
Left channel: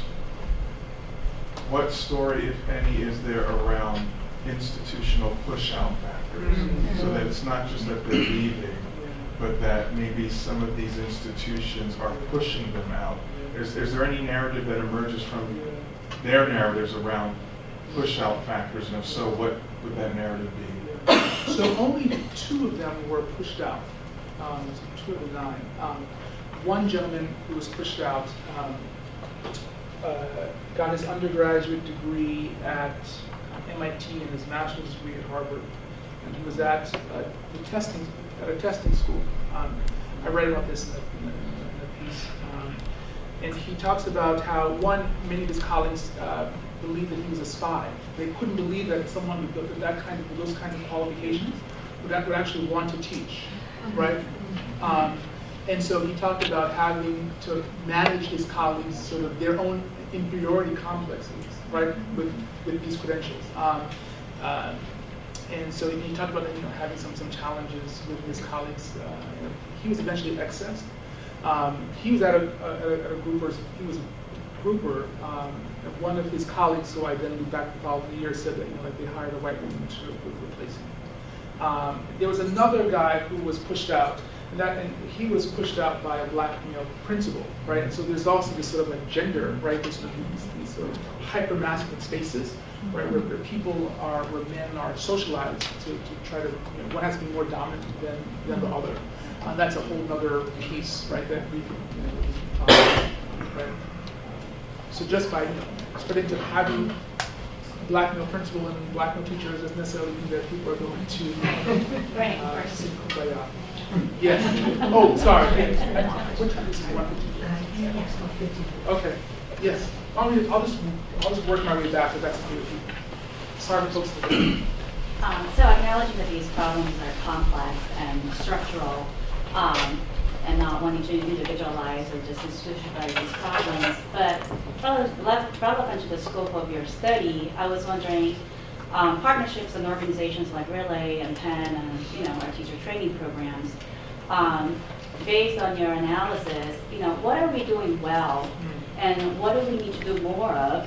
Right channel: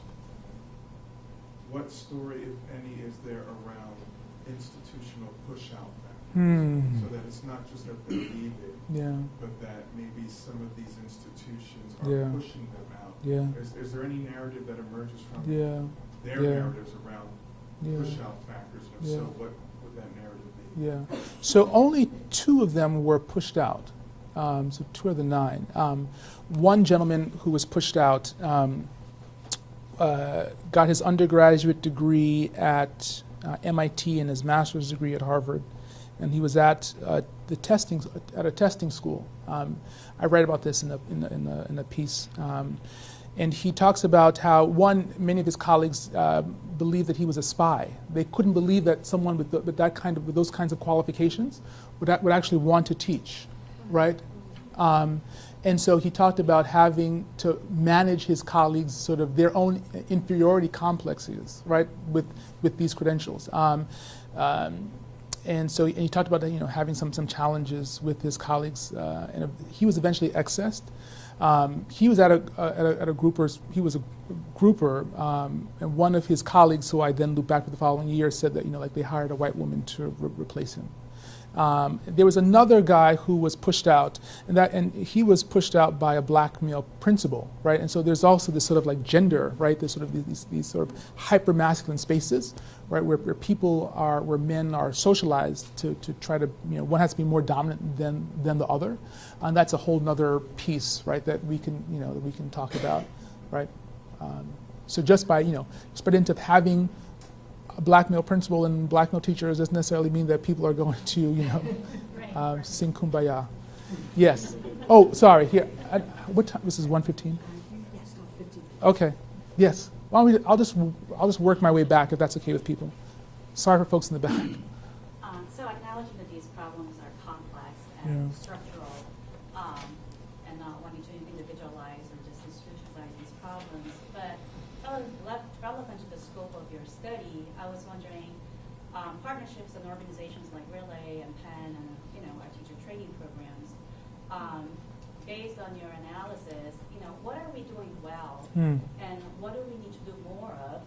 what story, if any, is there around institutional push-out factors? So that it's not just that they're leaving, but that maybe some of these institutions are pushing them out. Is there any narrative that emerges from their narratives around push-out factors? And if so, what would that narrative be? So only 2 of them were pushed out. So 2 of the 9. One gentleman who was pushed out got his undergraduate degree at MIT and his master's degree at Harvard, and he was at a testing school. I read about this in a piece, and he talks about how many of his colleagues believed that he was a spy. They couldn't believe that someone with those kinds of qualifications would actually want to teach, right? And so he talked about having to manage his colleagues' sort of their own inferiority complexes, right, with these credentials. And so he talked about having some challenges with his colleagues. He was eventually accessed. He was at a grouper. He was a grouper, and one of his colleagues, who I then looked back the following year, said that they hired a white woman to replace him. There was another guy who was pushed out, and he was pushed out by a black male principal, right? And so there's also this sort of like gender, right? There's sort of these sort of hyper-masculine spaces, right? Where men are socialized to try to, one has to be more dominant than the other. That's a whole nother piece, right, that we can, that we can talk about, right? So just by, spreading to having a black male principal and black male teachers doesn't necessarily mean that people are going to sing kumbaya. Yes. Oh, sorry. What time? This is 1:15. Okay. Yes. I'll just work my way back if that's okay with people. Sorry for folks in the back. So acknowledging that these problems are complex and structural, and not wanting to individualize or disinstitutionalize these problems, but relevant to the scope of your study, I was wondering, partnerships and organizations like Relay and Penn and our teacher training programs, based on your analysis, what are we doing well, and what do we need to do more of?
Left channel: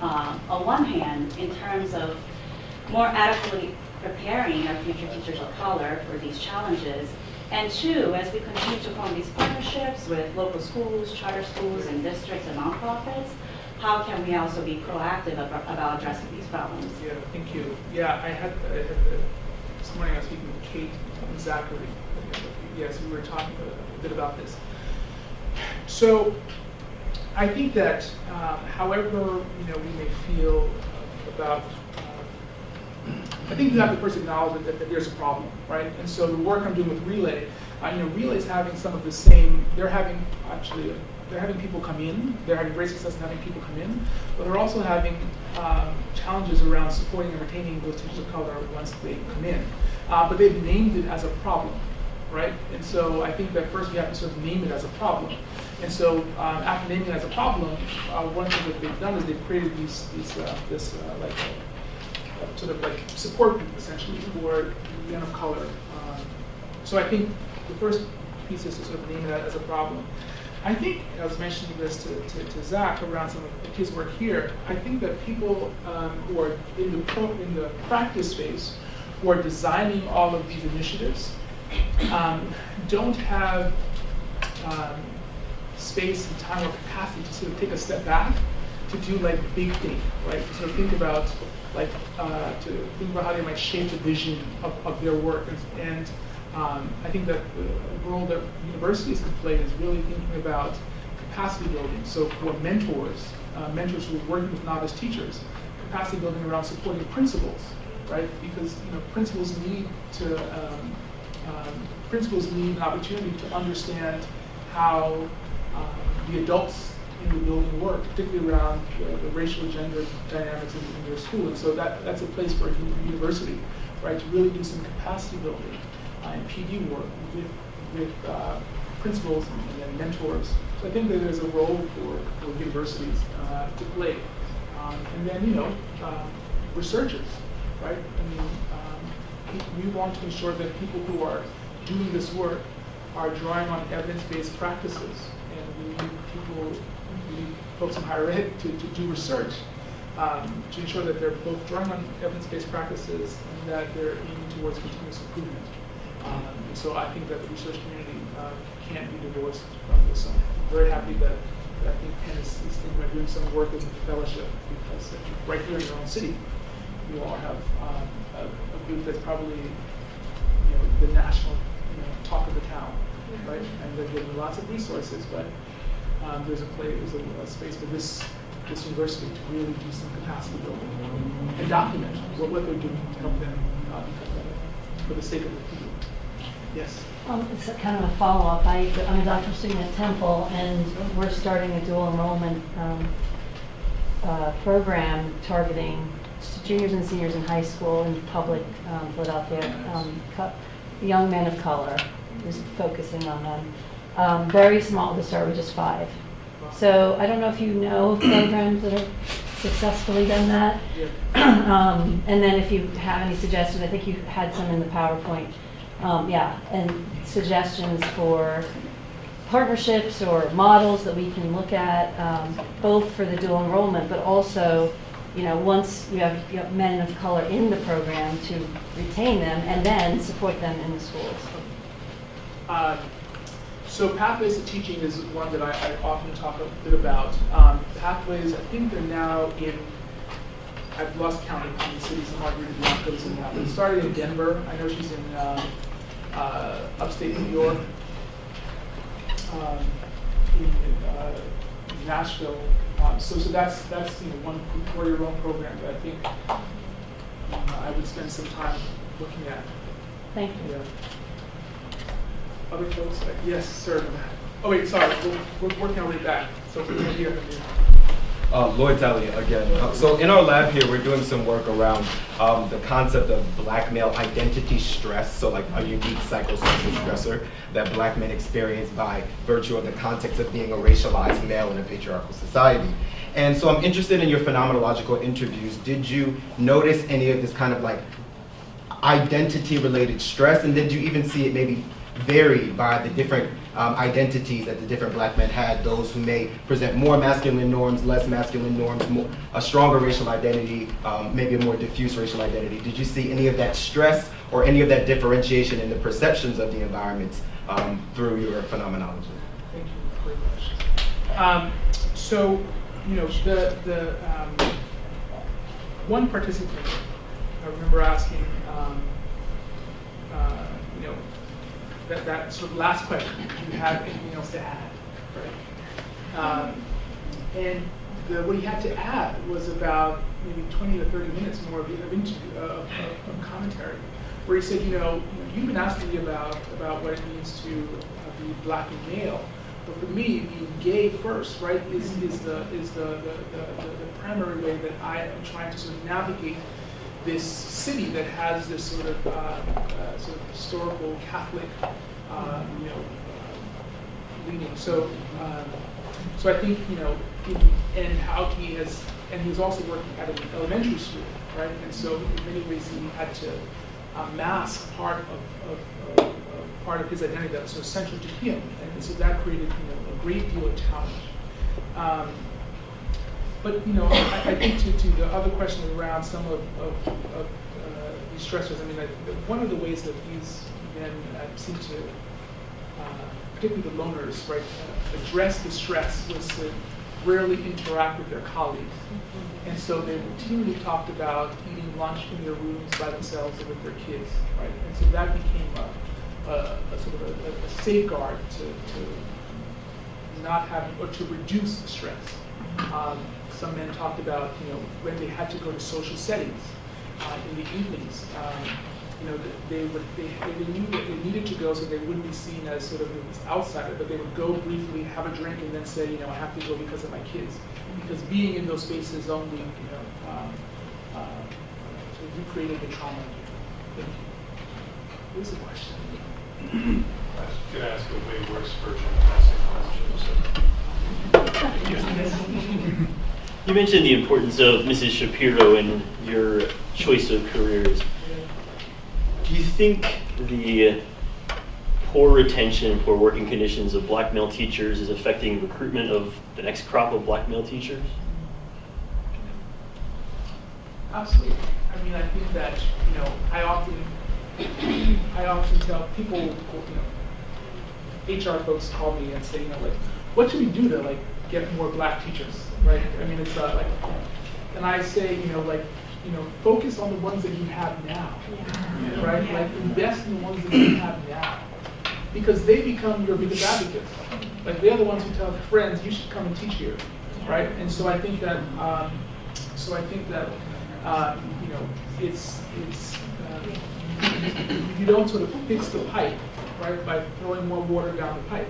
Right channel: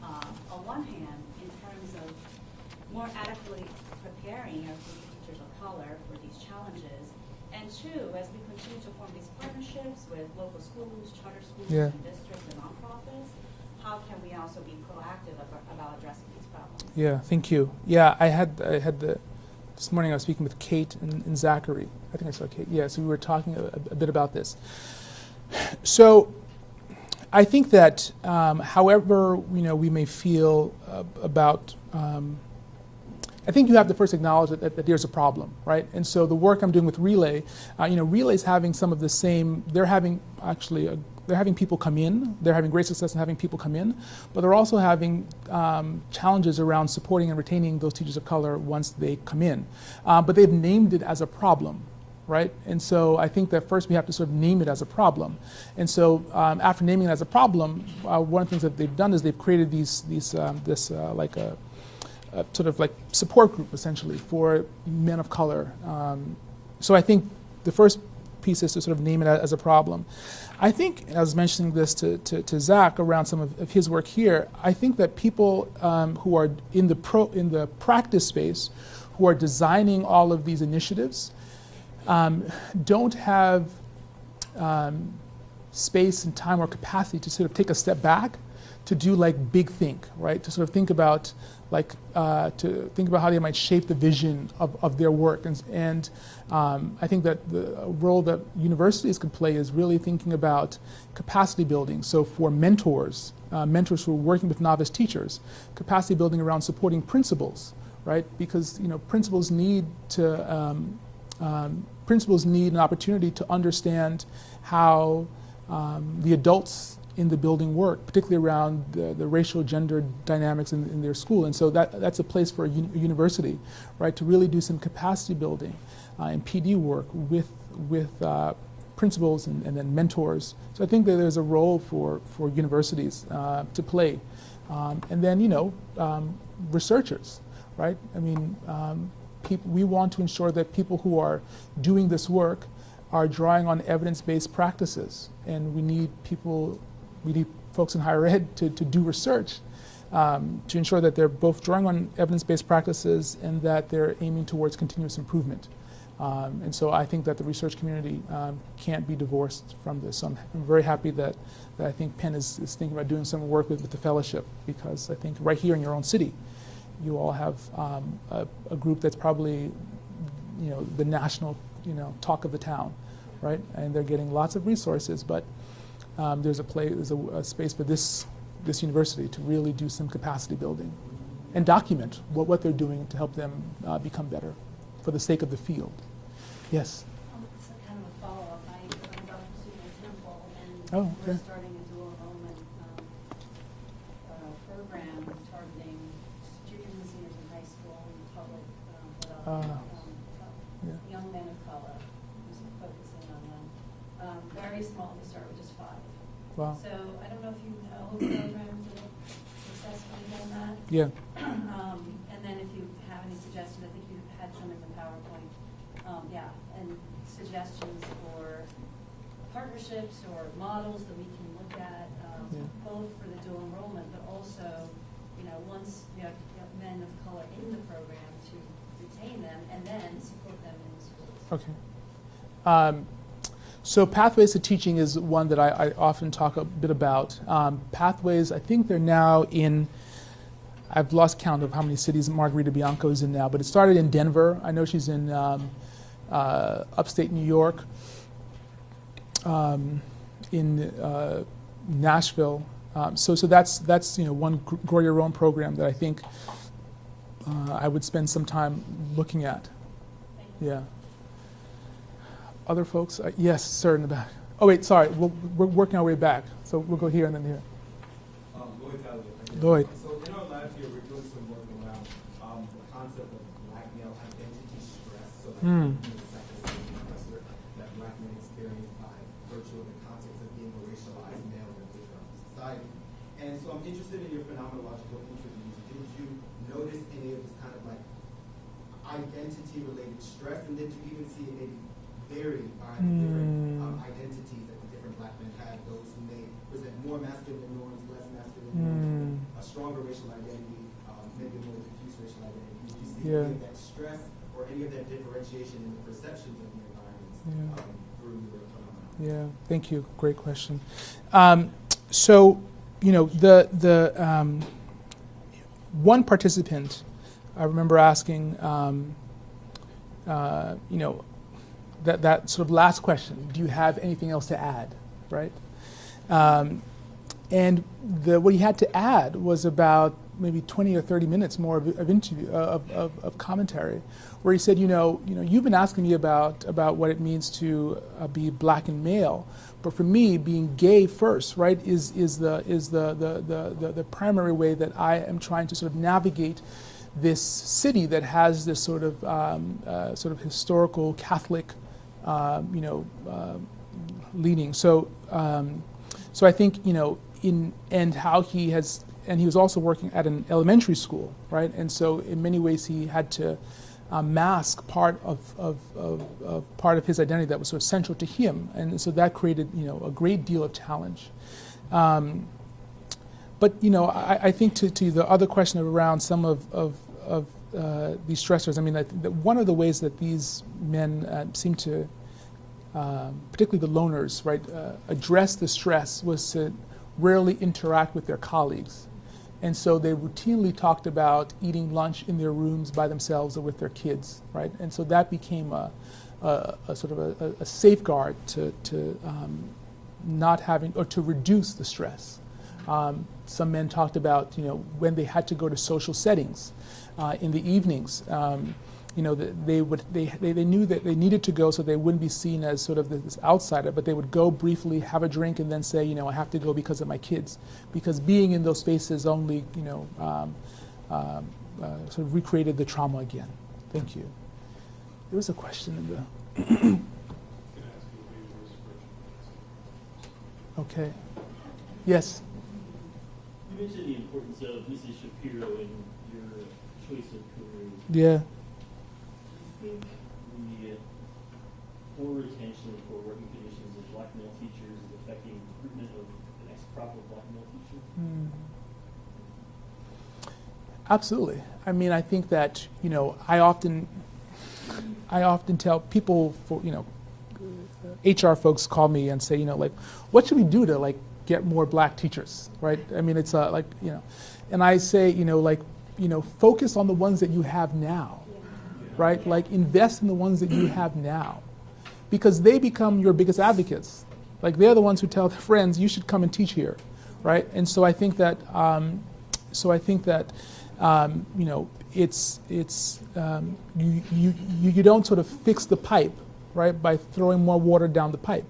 On one hand, in terms of more adequately preparing our future teachers of color for these challenges, and two, as we continue to form these partnerships with local schools, charter schools, and districts and nonprofits, how can we also be proactive about addressing these problems? Yeah, thank you. Yeah, I had this morning I was speaking with Kate and Zachary. I think I said Kate. Yeah, so we were talking a bit about this. So I think that however we may feel about, I think you have to first acknowledge that there's a problem, right? And so the work I'm doing with Relay, Relay's having some of the same. They're having people come in. They're having great success in having people come in, but they're also having challenges around supporting and retaining those teachers of color once they come in. But they've named it as a problem, right? And so I think that first we have to sort of name it as a problem. And so after naming it as a problem, one of the things that they've done is they've created this sort of like support group essentially for men of color. So I think the first piece is to sort of name it as a problem. I think, I was mentioning this to Zach around some of his work here, I think that people who are in the practice space, who are designing all of these initiatives, don't have space and time or capacity to sort of take a step back to do like big think, right? To sort of think about how they might shape the vision of their work. And I think that the role that universities can play is really thinking about capacity building. So for mentors who are working with novice teachers, capacity building around supporting principals, right? Because principals need an opportunity to understand how the adults in the building work, particularly around the racial gender dynamics in their school. And so that's a place for a university, right, to really do some capacity building and PD work with principals and then mentors. So I think that there's a role for universities to play. And then, researchers, right? I mean, we want to ensure that people who are doing this work are drawing on evidence-based practices. And we need folks in higher ed to do research to ensure that they're both drawing on evidence-based practices and that they're aiming towards continuous improvement. And so I think that the research community can't be divorced from this. I'm very happy that I think Penn is thinking about doing some work with the fellowship, because I think right here in your own city, you all have a group that's probably the national talk of the town, right? And they're getting lots of resources, but there's a space for this university to really do some capacity building and document what they're doing to help them become better for the sake of the field. Yes? It's a kind of a follow-up. I'm a doctoral student at Temple, and we're starting a dual enrollment program targeting juniors and seniors in high school in public Philadelphia, young men of color, just focusing on them. Very small to start with, just 5. Wow. So I don't know if you know of programs that have successfully done that. Yeah. And then if you have any suggestions, I think you had some in the PowerPoint. And suggestions for partnerships or models that we can look at, both for the dual enrollment, but also, once you have men of color in the program, to retain them and then support them in the schools. Okay. So Pathways to Teaching is one that I often talk a bit about. Pathways, I think they're now in, I've lost count of how many cities Margarita Bianco's in now, but it started in Denver. I know she's in upstate New York, in Nashville. So that's one Grow Your Own program that I think I would spend some time looking at. Thank you. Yeah. Other folks? Yes, sir. In the back. Oh wait, sorry. We're working our way back. So we're here and here. Lloyd Talia again. Lloyd. So in our lab here, we're doing some work around the concept of black male identity stress, so like a unique psychosocial stressor that black men experience by virtue of the context of being a racialized male in a patriarchal society. And so I'm interested in your phenomenological interviews. Did you notice any of this kind of like identity-related stress, and did you even see it maybe varied by the different identities that the different black men had, those who may present more masculine norms, less masculine norms, a stronger racial identity, maybe a more diffuse racial identity? Did you see any of that stress or any of that differentiation in the perceptions of the environment through your phenomenology? Yeah, thank you. Great question. So, the one participant, I remember asking, that sort of last question, do you have anything else to add, right? And what he had to add was about maybe 20 or 30 minutes more of interview, of commentary, where he said, you've been asking me about what it means to be black and male, but for me, being gay first, right, is the primary way that I am trying to sort of navigate this city that has this sort of historical Catholic, leaning. So I think and how he was also working at an elementary school, right? And so in many ways he had to mask part of his identity that was so central to him, and so that created a great deal of challenge. But I think to the other question around some of these stressors, I mean, one of the ways that these men seem to, particularly the loners, right, address the stress was to rarely interact with their colleagues. And so they routinely talked about eating lunch in their rooms by themselves or with their kids, right? And so that became a sort of a safeguard to not having, or to reduce the stress. Some men talked about, when they had to go to social settings in the evenings, they knew that they needed to go so they wouldn't be seen as sort of this outsider, but they would go briefly, have a drink, and then say, I have to go because of my kids. Because being in those spaces only, sort of recreated the trauma again. Thank you. There's a question. Can I ask a way worse version of asking questions? Okay. Yes. You mentioned the importance of Mrs. Shapiro in your choice of careers. Yeah. Do you think the poor retention and poor working conditions of black male teachers is affecting recruitment of the next crop of black male teachers? Absolutely. I mean, I think that, I often tell people, HR folks call me and say, what should we do to get more black teachers, right? I mean, it's and I say, focus on the ones that you have now, right? Invest in the ones that you have now, because they become your biggest advocates. They're the ones who tell their friends, you should come and teach here, right? And so I think that, you don't sort of fix the pipe, right, by throwing more water down the pipe.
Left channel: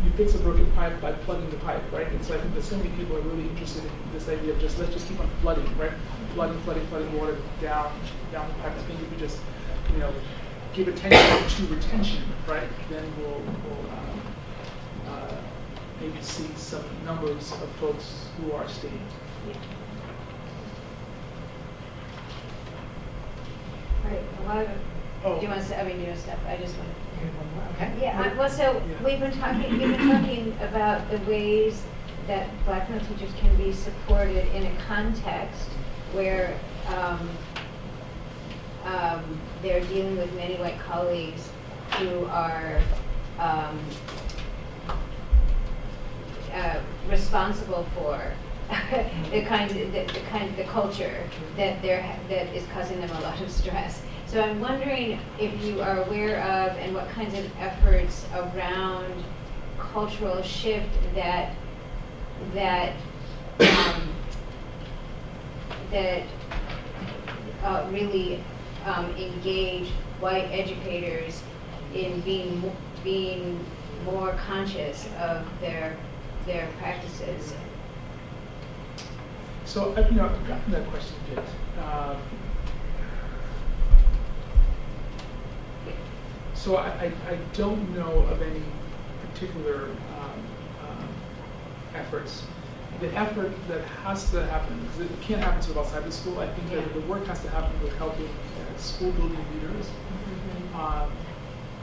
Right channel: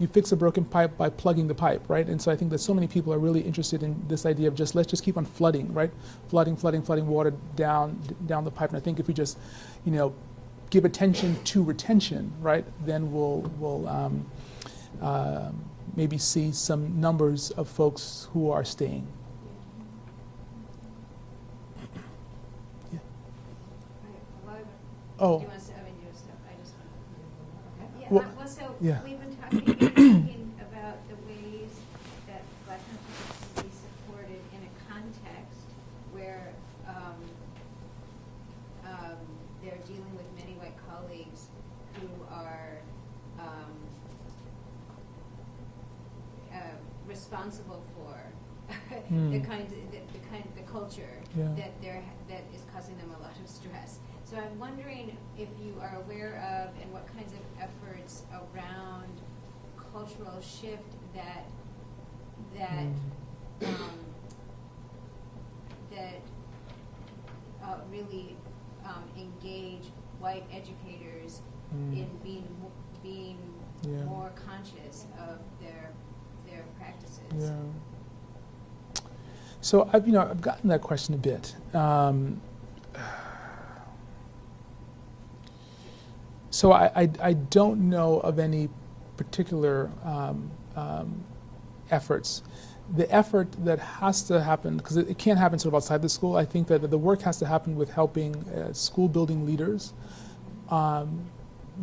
You fix a broken pipe by plugging the pipe, right? And so I think that so many people are really interested in this idea of let's just keep on flooding, right? Flooding water down the pipe. And I think if we just, give attention to retention, right, then we'll maybe see some numbers of folks who are staying. Right, a lot of, Oh. do you want to, Steph, I just want to hear one more, okay? Yeah, Well, well, so yeah. you've been talking about the ways that black male teachers can be supported in a context where they're dealing with many white colleagues who are responsible for the culture that is causing them a lot of stress. So I'm wondering if you are aware of and what kinds of efforts around cultural shift that really engage white educators in being more conscious of their practices. So I've gotten that question a bit. So I don't know of any particular efforts. The effort that has to happen, because it can't happen sort of outside the school, I think that the work has to happen with helping school building leaders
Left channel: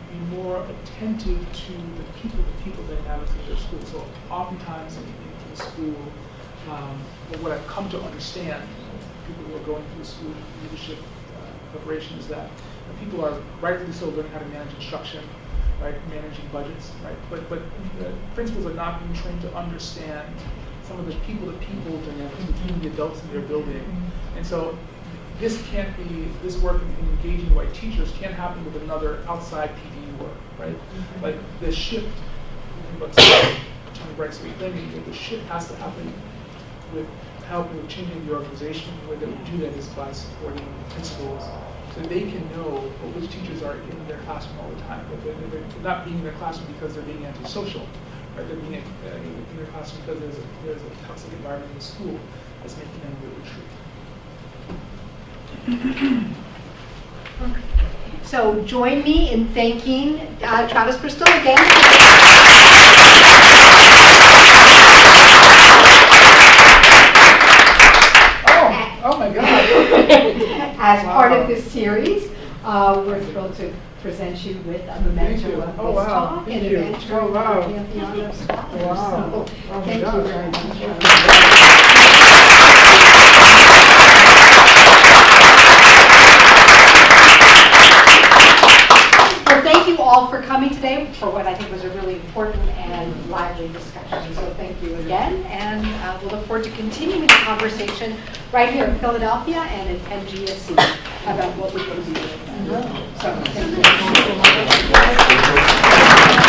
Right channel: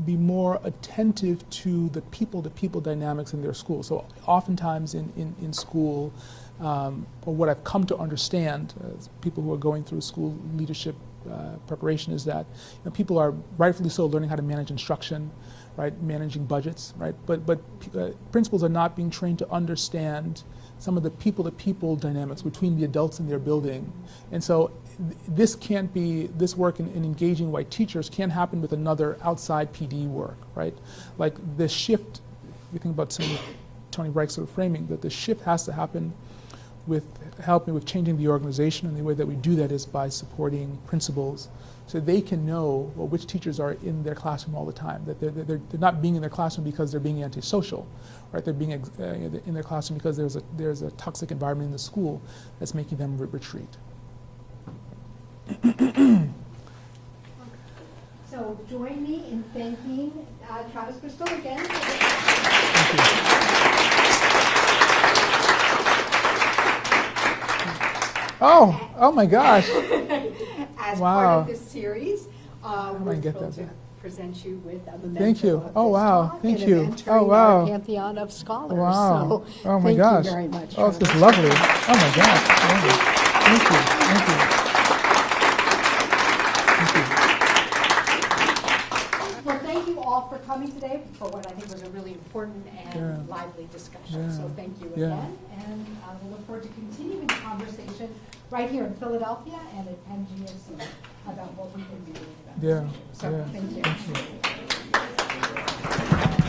be more attentive to the people-to-people dynamics in their school. So oftentimes in school, or what I've come to understand, people who are going through school leadership preparation, is that people are rightfully so learning how to manage instruction, right, managing budgets, right, but principals are not being trained to understand some of the people-to-people dynamics between the adults in their building. And so this work in engaging white teachers can't happen with another outside PD work, right? Like the shift, thinking about Tony Wright's sort of framing, that the shift has to happen with helping with changing the organization. And the way that we do that is by supporting principals so they can know which teachers are in their classroom all the time. That they're not being in their classroom because they're being antisocial. Right, they're being in their classroom because there's a toxic environment in the school that's making them retreat. So join me in thanking Travis Bristol again. Oh my gosh. As Wow. part of this series, we're thrilled to present you with a memento Thank you. of Oh this wow. talk Thank and you. an entry Oh wow. in our Pantheon of Scholars. Wow. So, Oh my thank gosh. you very much. Oh, this is lovely. Oh my Well, thank you all for coming today for what I think was a really important and lively discussion. So thank you again, and we'll look forward to continuing the conversation right here in Philadelphia and at Penn GSE about what we can do with them. Yeah. So thank you.